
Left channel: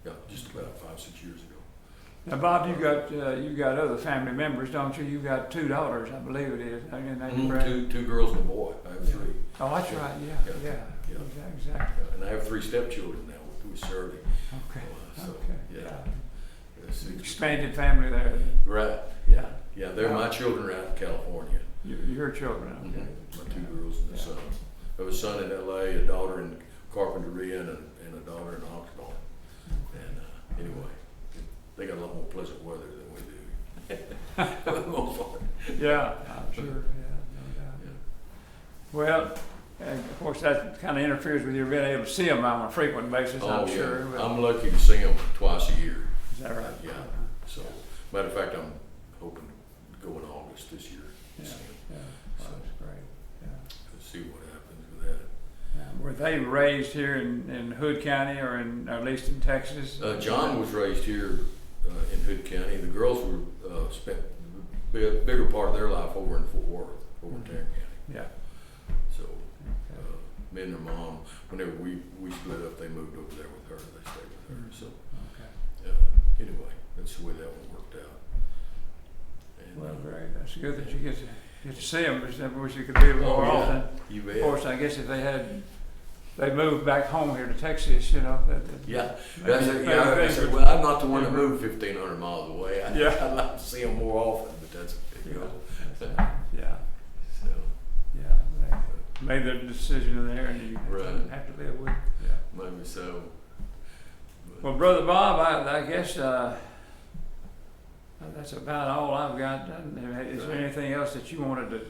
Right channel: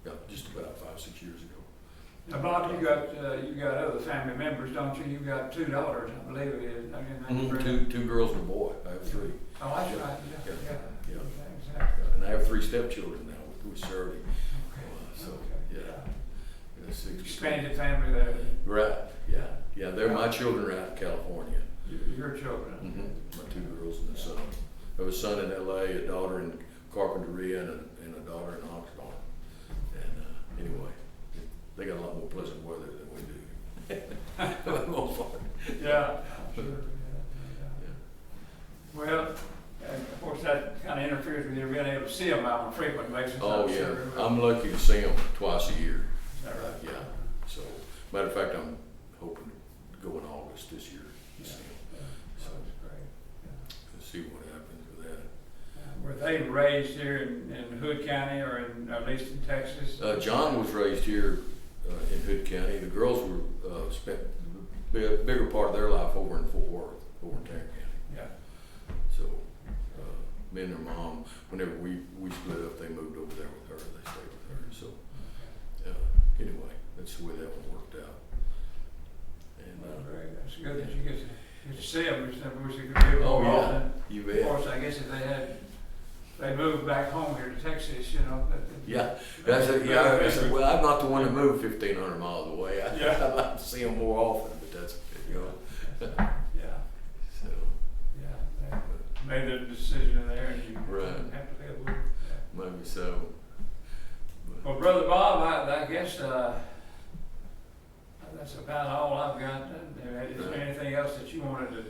Yeah, just about 5-6 years ago. Now, Bob, you got other family members, don't you? You got 2 daughters, I believe it is. Two girls and a boy. I have 3. Oh, that's Yeah. right. Yeah. Yeah. Yeah. Exactly. And I have 3 stepchildren now with Shirley. Okay. So Okay. yeah, 6. Expanded family there. Right. Yeah. They're my children are out in California. Your children. Okay. My 2 girls and a son. I have a son in L.A., a daughter in Carpinteria, and a daughter in Oxnard. And anyway, they got a lot more pleasant weather than we do. For the most part. Yeah, I'm sure. Yeah. Well, and of course that kind of interferes with you being able to see them on a frequent basis. Oh, I'm yeah. sure. I'm lucky to see them twice a year. Is that right? Yeah. So, matter of fact, I'm hoping to go in August this year to see them. So, That's great. Yeah. let's see what happens with that. Were they raised here in Hood County or at least in Texas? John was raised here in Hood County. The girls were spent the bigger part of their life over in Fort Worth, over in Tarrant County. Yeah. So, me and their mom, whenever we split up, they moved over there with her. They stayed with her. So, anyway, that's the way that one worked out. And, Well, great. That's good that you get to see them. I wish you could be a little more often. You Of bet. course, I guess if they moved back home here to Texas, Yeah, I said, well, I'm not the one that moved 1,500 miles away. I'd like to see them more often, but that's, Yeah. So, Yeah. They made their decision there, and you Right. have to live with it. Yeah. maybe so. But, Well, Brother Bob, I guess that's about all I've got. Is there anything else that you wanted to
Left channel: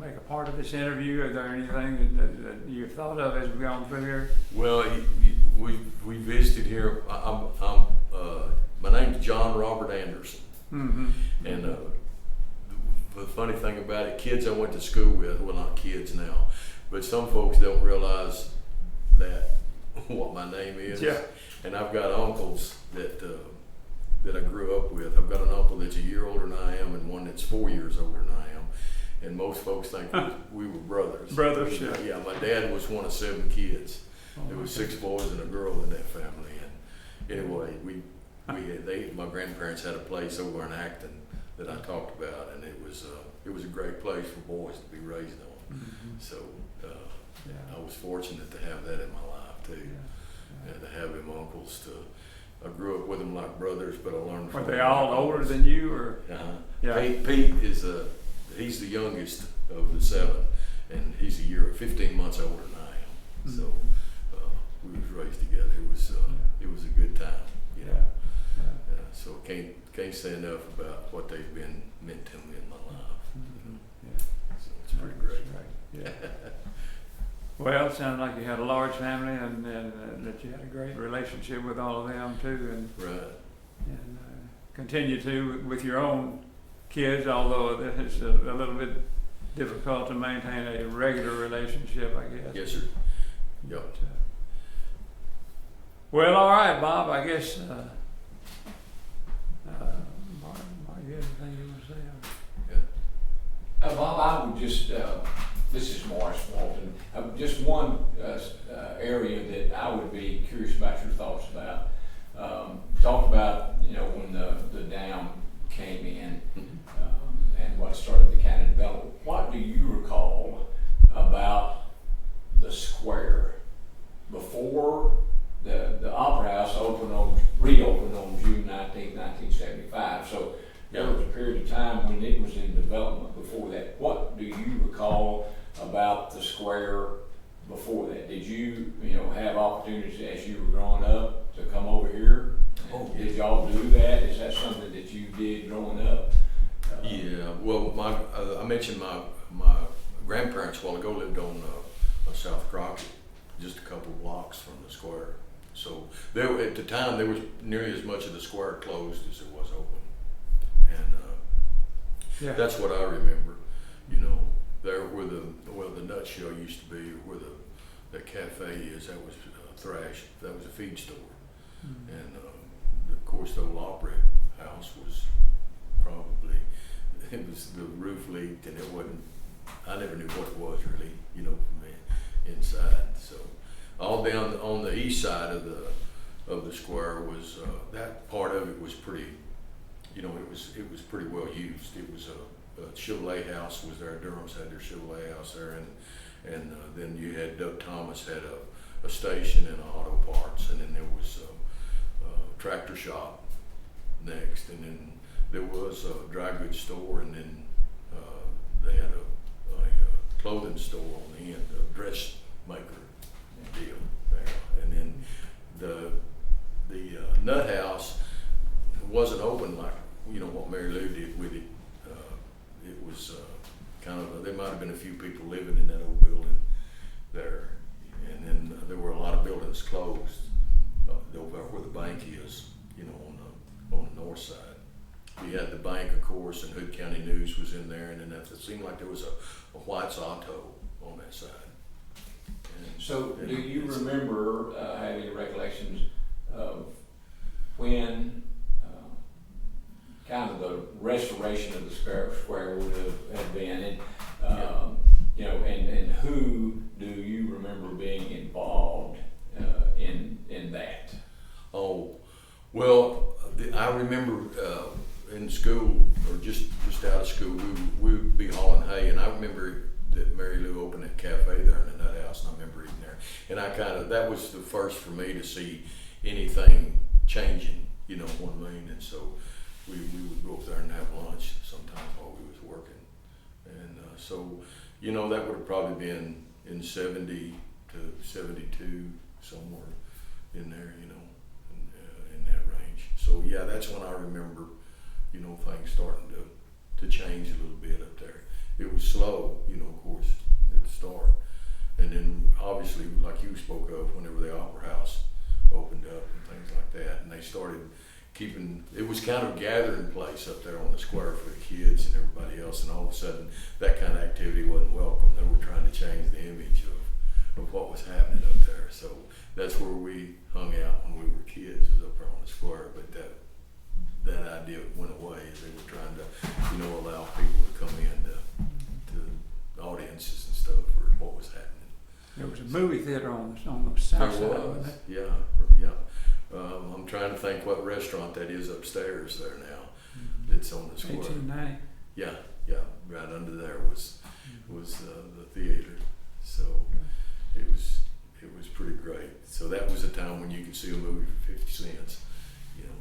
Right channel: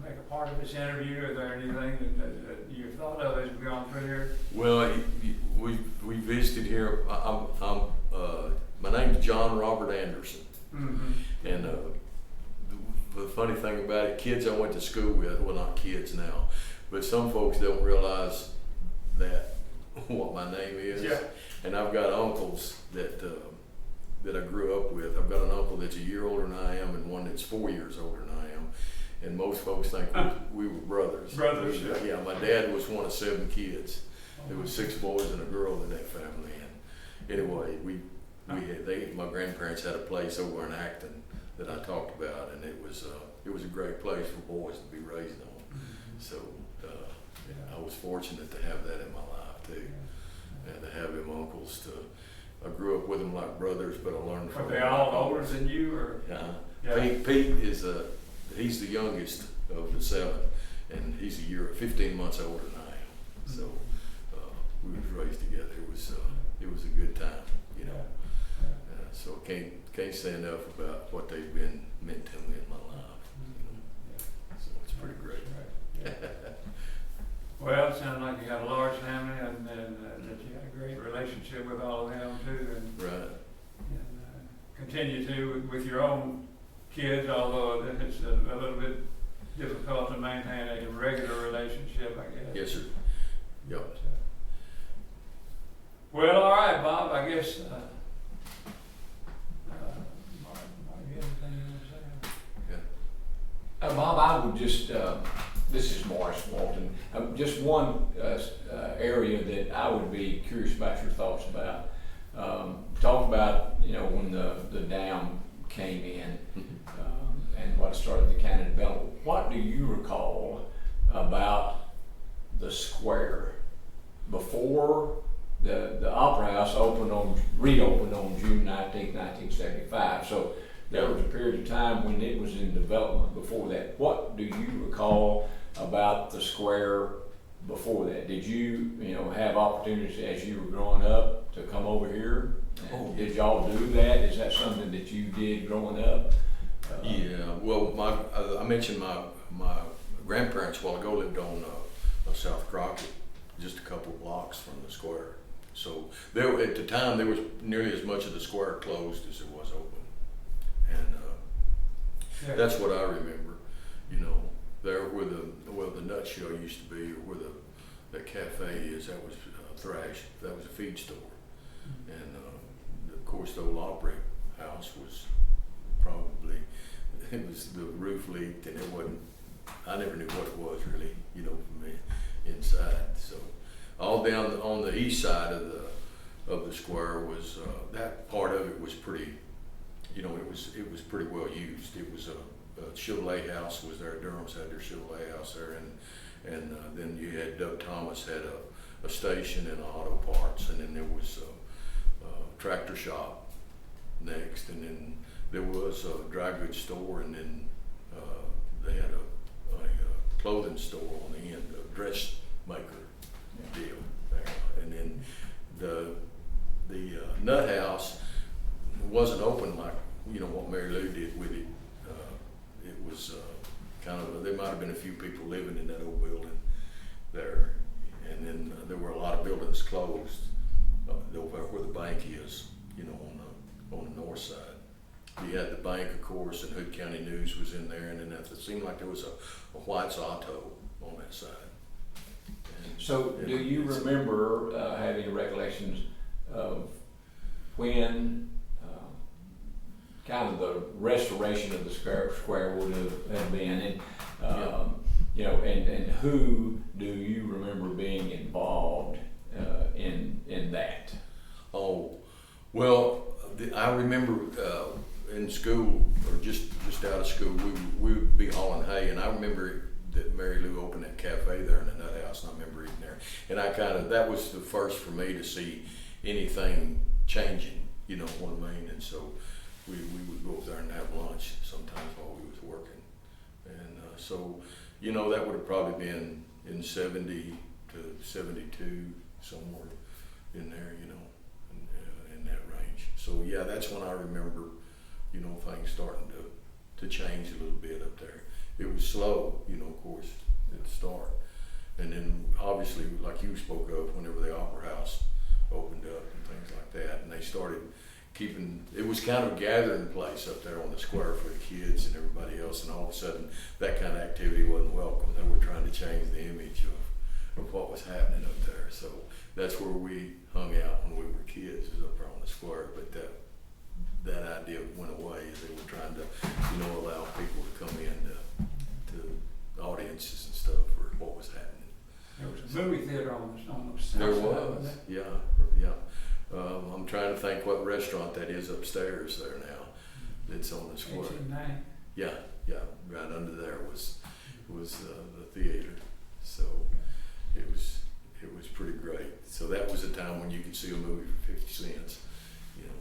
make a part of this interview? Is there anything that you've thought of as we've gone through here? well, we visited here. My name's John Robert Anderson, and the funny thing about it, kids I went to school with, well, not kids now, but some folks don't realize that what my name is. Yeah. And I've got uncles that I grew up with. I've got an uncle that's a year older than I am, and one that's 4 years older than I am. And most folks think we were brothers. Brothers, Yeah. My dad was one of 7 kids. There was 6 boys and a girl in that family. And anyway, my grandparents had a place over in Acton that I talked about, and it was a great place for boys to be raised on. So I was fortunate to have that in my life too, and to have them uncles. I grew up with them like brothers, but I learned from Are them. they all older than you, or? Yeah. Pete is he's the youngest of the 7, and he's 15 months older than I am. So we was raised together. It was a good time, so I can't say enough about what they've meant to me in my life. So it's pretty great. Yeah. Well, it sounds like you had a large family, and that you had a great relationship with all of them too, and Right. continue to with your own kids. Although it's a little bit difficult to maintain a regular relationship, I guess. Yes, sir. Yep. Well, all right, Bob. I guess Bob, I would just, this is Morris Walton, just one area that I would be curious about your thoughts about. Talk about, you know, when the dam came in and what started to kind of develop. What do you recall about the square before the Opera House reopened on June 19, 1975? So there was a period of time when it was in development before that. What do you recall about the square before that? Did you have opportunities as you were growing up to come over here? Did y'all do that? Is that something that you did growing up? Yeah, well, I mentioned my grandparents a while ago lived on South Crockett, just a couple blocks from the square. So there, at the time, there was nearly as much of the square closed as it was open, and that's what I remember. You know, there where the nutshell used to be, or where the cafe is, that was Thrash. That was a feed store, and of course the old Opera House was probably, it was, the roof leaked and it wasn't, I never knew what it was really, you know, from the inside. So all down on the east side of the square was that part of it was pretty, you know, it was pretty well used. It was a Chevrolet house was there. Durham's had their Chevrolet house there, and then you had Doug Thomas had a station and auto parts, and then there was a tractor shop next, and then there was a dry goods store, and then they had a clothing store on the end, a dressmaker deal there, and then the nut house wasn't open like, you know, what Mary Lou did with it. It was kind of there might have been a few people living in that old building there, and then there were a lot of buildings closed over where the bank is, you know, on the north side. We had the bank, of course, and Hood County News was in there, and then it seemed like there was a White's Auto on that side. So do you remember, have any recollections of when kind of the restoration of the square would have been, and you know, and who do you remember being involved in that? Oh, well, I remember in school, or just out of school, we would be hauling hay, and I remember that Mary Lou opened that cafe there in the nut house, and I remember eating there, and that was the first for me to see anything changing, you know what I mean? And so we would go up there and have lunch sometimes while we was working, and so, you know, that would have probably been in 70 to 72, somewhere in there, you know, in that range. So yeah, that's when I remember, you know, things starting to change a little bit up there. It was slow, you know, of course, at the start. And then obviously, like you spoke of, whenever the Opera House opened up and things like that, and they started keeping, it was kind of a gathering place up there on the square for the kids and everybody else, and all of a sudden that kind of activity wasn't welcome. They were trying to change the image of what was happening up there. So that's where we hung out when we were kids, was up there on the square. But that idea went away as they were trying to, you know, allow people to come in to audiences and stuff for what was happening. There was a movie theater on the south There side. was, yeah. I'm trying to think what restaurant that is upstairs there now. It's on the square. 1890. Yeah, right under there was the theater. So it was pretty great. So that was a time when you could see a movie for 50 cents, you know.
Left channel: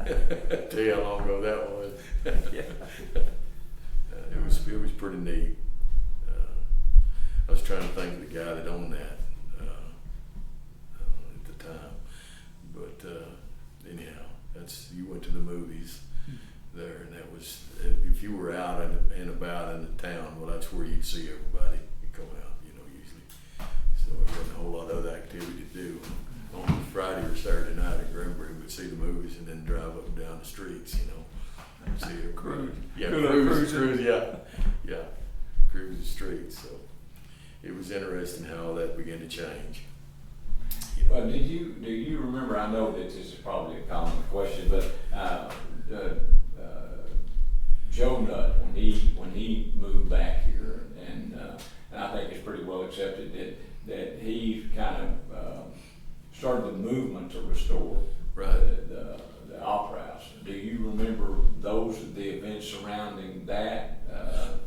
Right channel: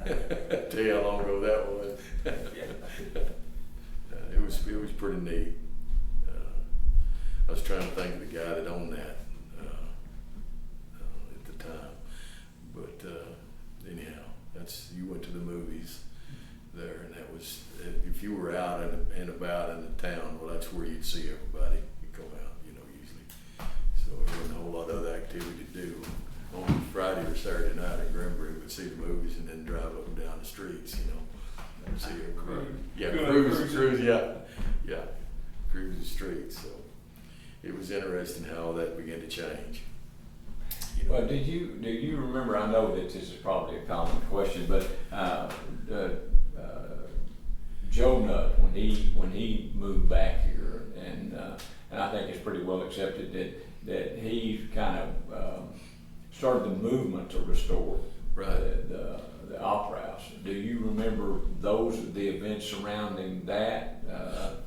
And tell you how long ago that was. It was pretty neat. I was trying to think of the guy that owned that at the time, but anyhow, you went to the movies there, and that was, if you were out and about in the town, well, that's where you'd see everybody. You'd come out, you know, usually. So there wasn't a whole lot of other activity to do on Friday or Saturday night at Granbury. We'd see the movies and then drive up and down the streets, you know. See everybody. Yeah, cruise, yeah, cruise the streets. So it was interesting how that began to change. You know. Well, do you remember? I know that this is probably a common question, but Joe Nutt, when he moved back here, and I think it's pretty well accepted that he kind of started the movement to restore Right. the Opera House. Do you remember the events surrounding that?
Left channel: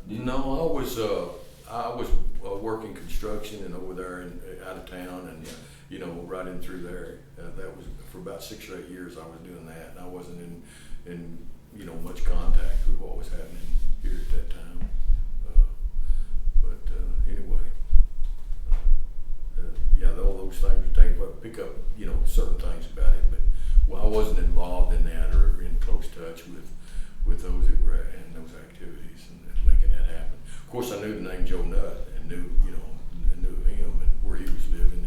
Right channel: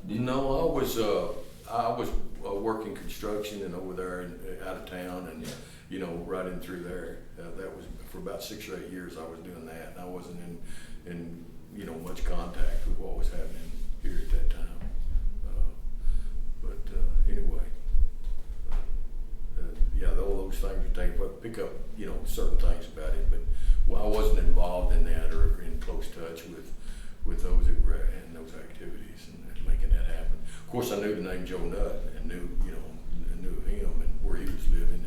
No, I was working construction and over there out of town, and you know, right in through there. That was for about 6 or 8 years. I was doing that, and I wasn't in you know, much contact with what was happening here at that time. Anyway, yeah, all those things would pick up, you know, certain things about it, but I wasn't involved in that or in close touch with those that were in those activities and making that happen. Of course, I knew the name Joe Nutt and knew of him and where he was living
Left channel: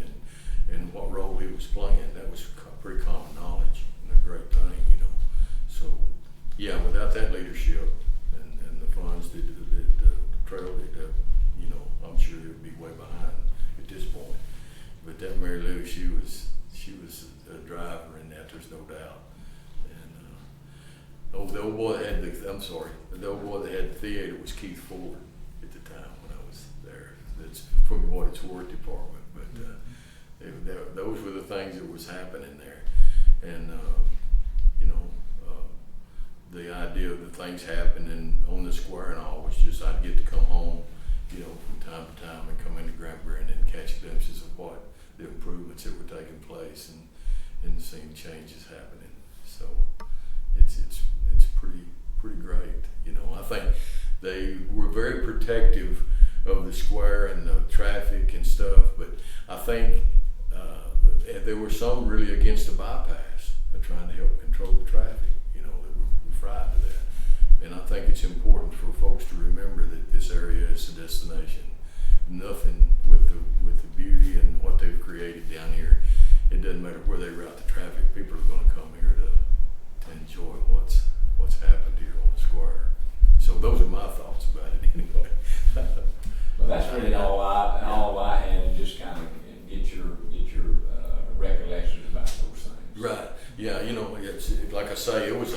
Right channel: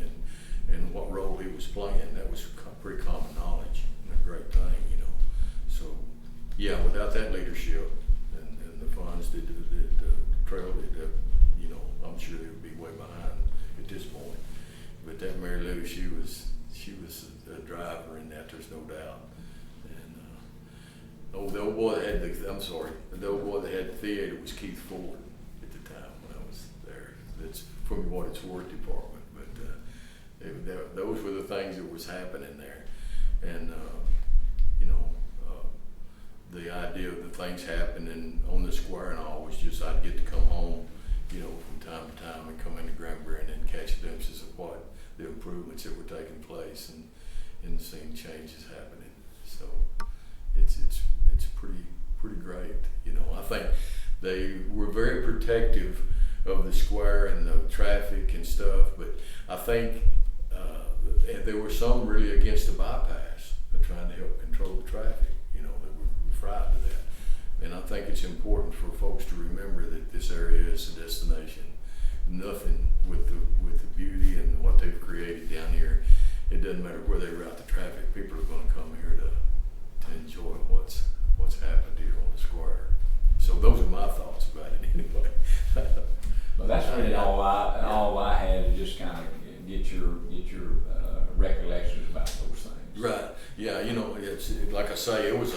and what role he was playing. That was pretty common knowledge and a great thing, you know. So, yeah, without that leadership and the funds that trailed it, you know, I'm sure they would be way behind at this point. But that Mary Lou, she was a driver in that. There's no doubt. And the old boy that had the old boy that had the theater was Keith Ford at the time when I was there. That's from what it's worth department. But those were the things that was happening there, and you know, the idea of the things happening on the square and all was just I'd get to come home, you know, from time to time and come into Granbury and then catch glimpses of what the improvements that were taking place and seeing changes happening. So it's pretty great. You know, I think they were very protective of the square and the traffic and stuff, but I think there were some really against the bypass, trying to help control the traffic. You know, that were frightened of that. And I think it's important for folks to remember that this area is a destination. Nothing with the beauty and what they've created down here. It doesn't matter where they route the traffic. People are going to come here to enjoy what's happened here on the square. So those are my thoughts about it anyway. Well, that's really all I had to just kind of get your recollections about those things. Right. Yeah. You know, it's like I say, it was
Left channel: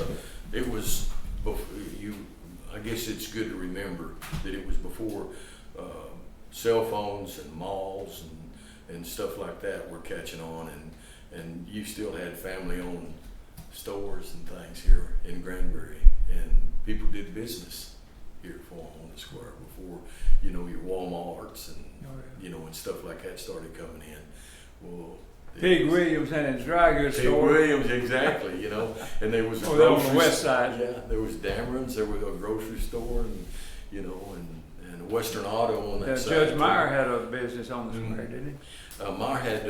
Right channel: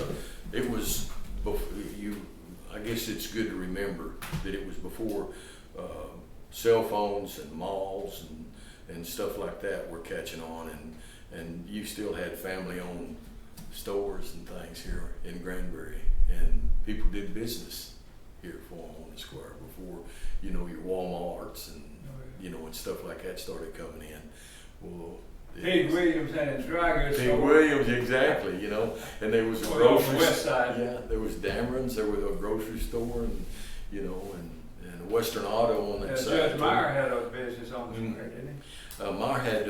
I guess it's good to remember that it was before cell phones and malls and stuff like that were catching on, and you still had family-owned stores and things here in Granbury, and people did business here for them on the square before, you know, your Walmarts and you know, and stuff like that started coming in. Well, Pig Williams and his dry goods Pig store. Williams, exactly, you know, and there was a On grocery the west side. Yeah, there was Dameron's, there was a grocery store, and you know, and Western Auto on that side. Judge Meyer had a business on the square, didn't he? Meyer had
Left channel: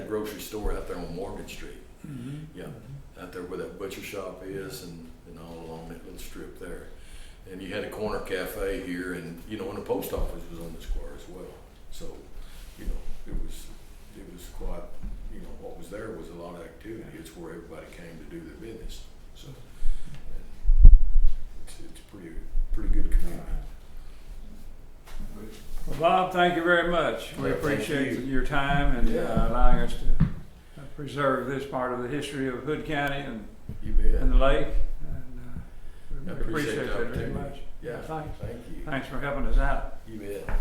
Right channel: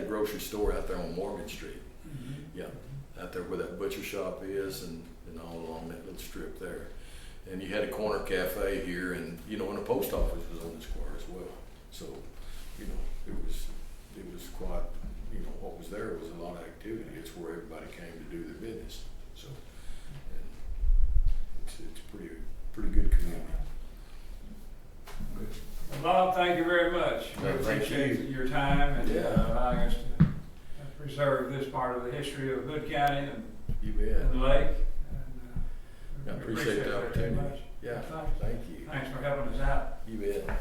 a grocery store out there on Morgan Street. Mm-hmm. Yeah, out there where that butcher shop is, and all along that little strip there. And you had a corner cafe here, and you know, and the post office was on the square as well. So, you know, it was quite, you know, what was there was a lot of activity. It's where everybody came to do their business. So, and it's pretty good community. Well, Bob, thank you very much. We Well, thank appreciate you. your time and Yeah. allowing us to preserve this part of the history of Hood County You bet. and the lake. I And, appreciate the that very opportunity. much. Yeah, Thanks. thank you. Thanks for helping us out. You bet.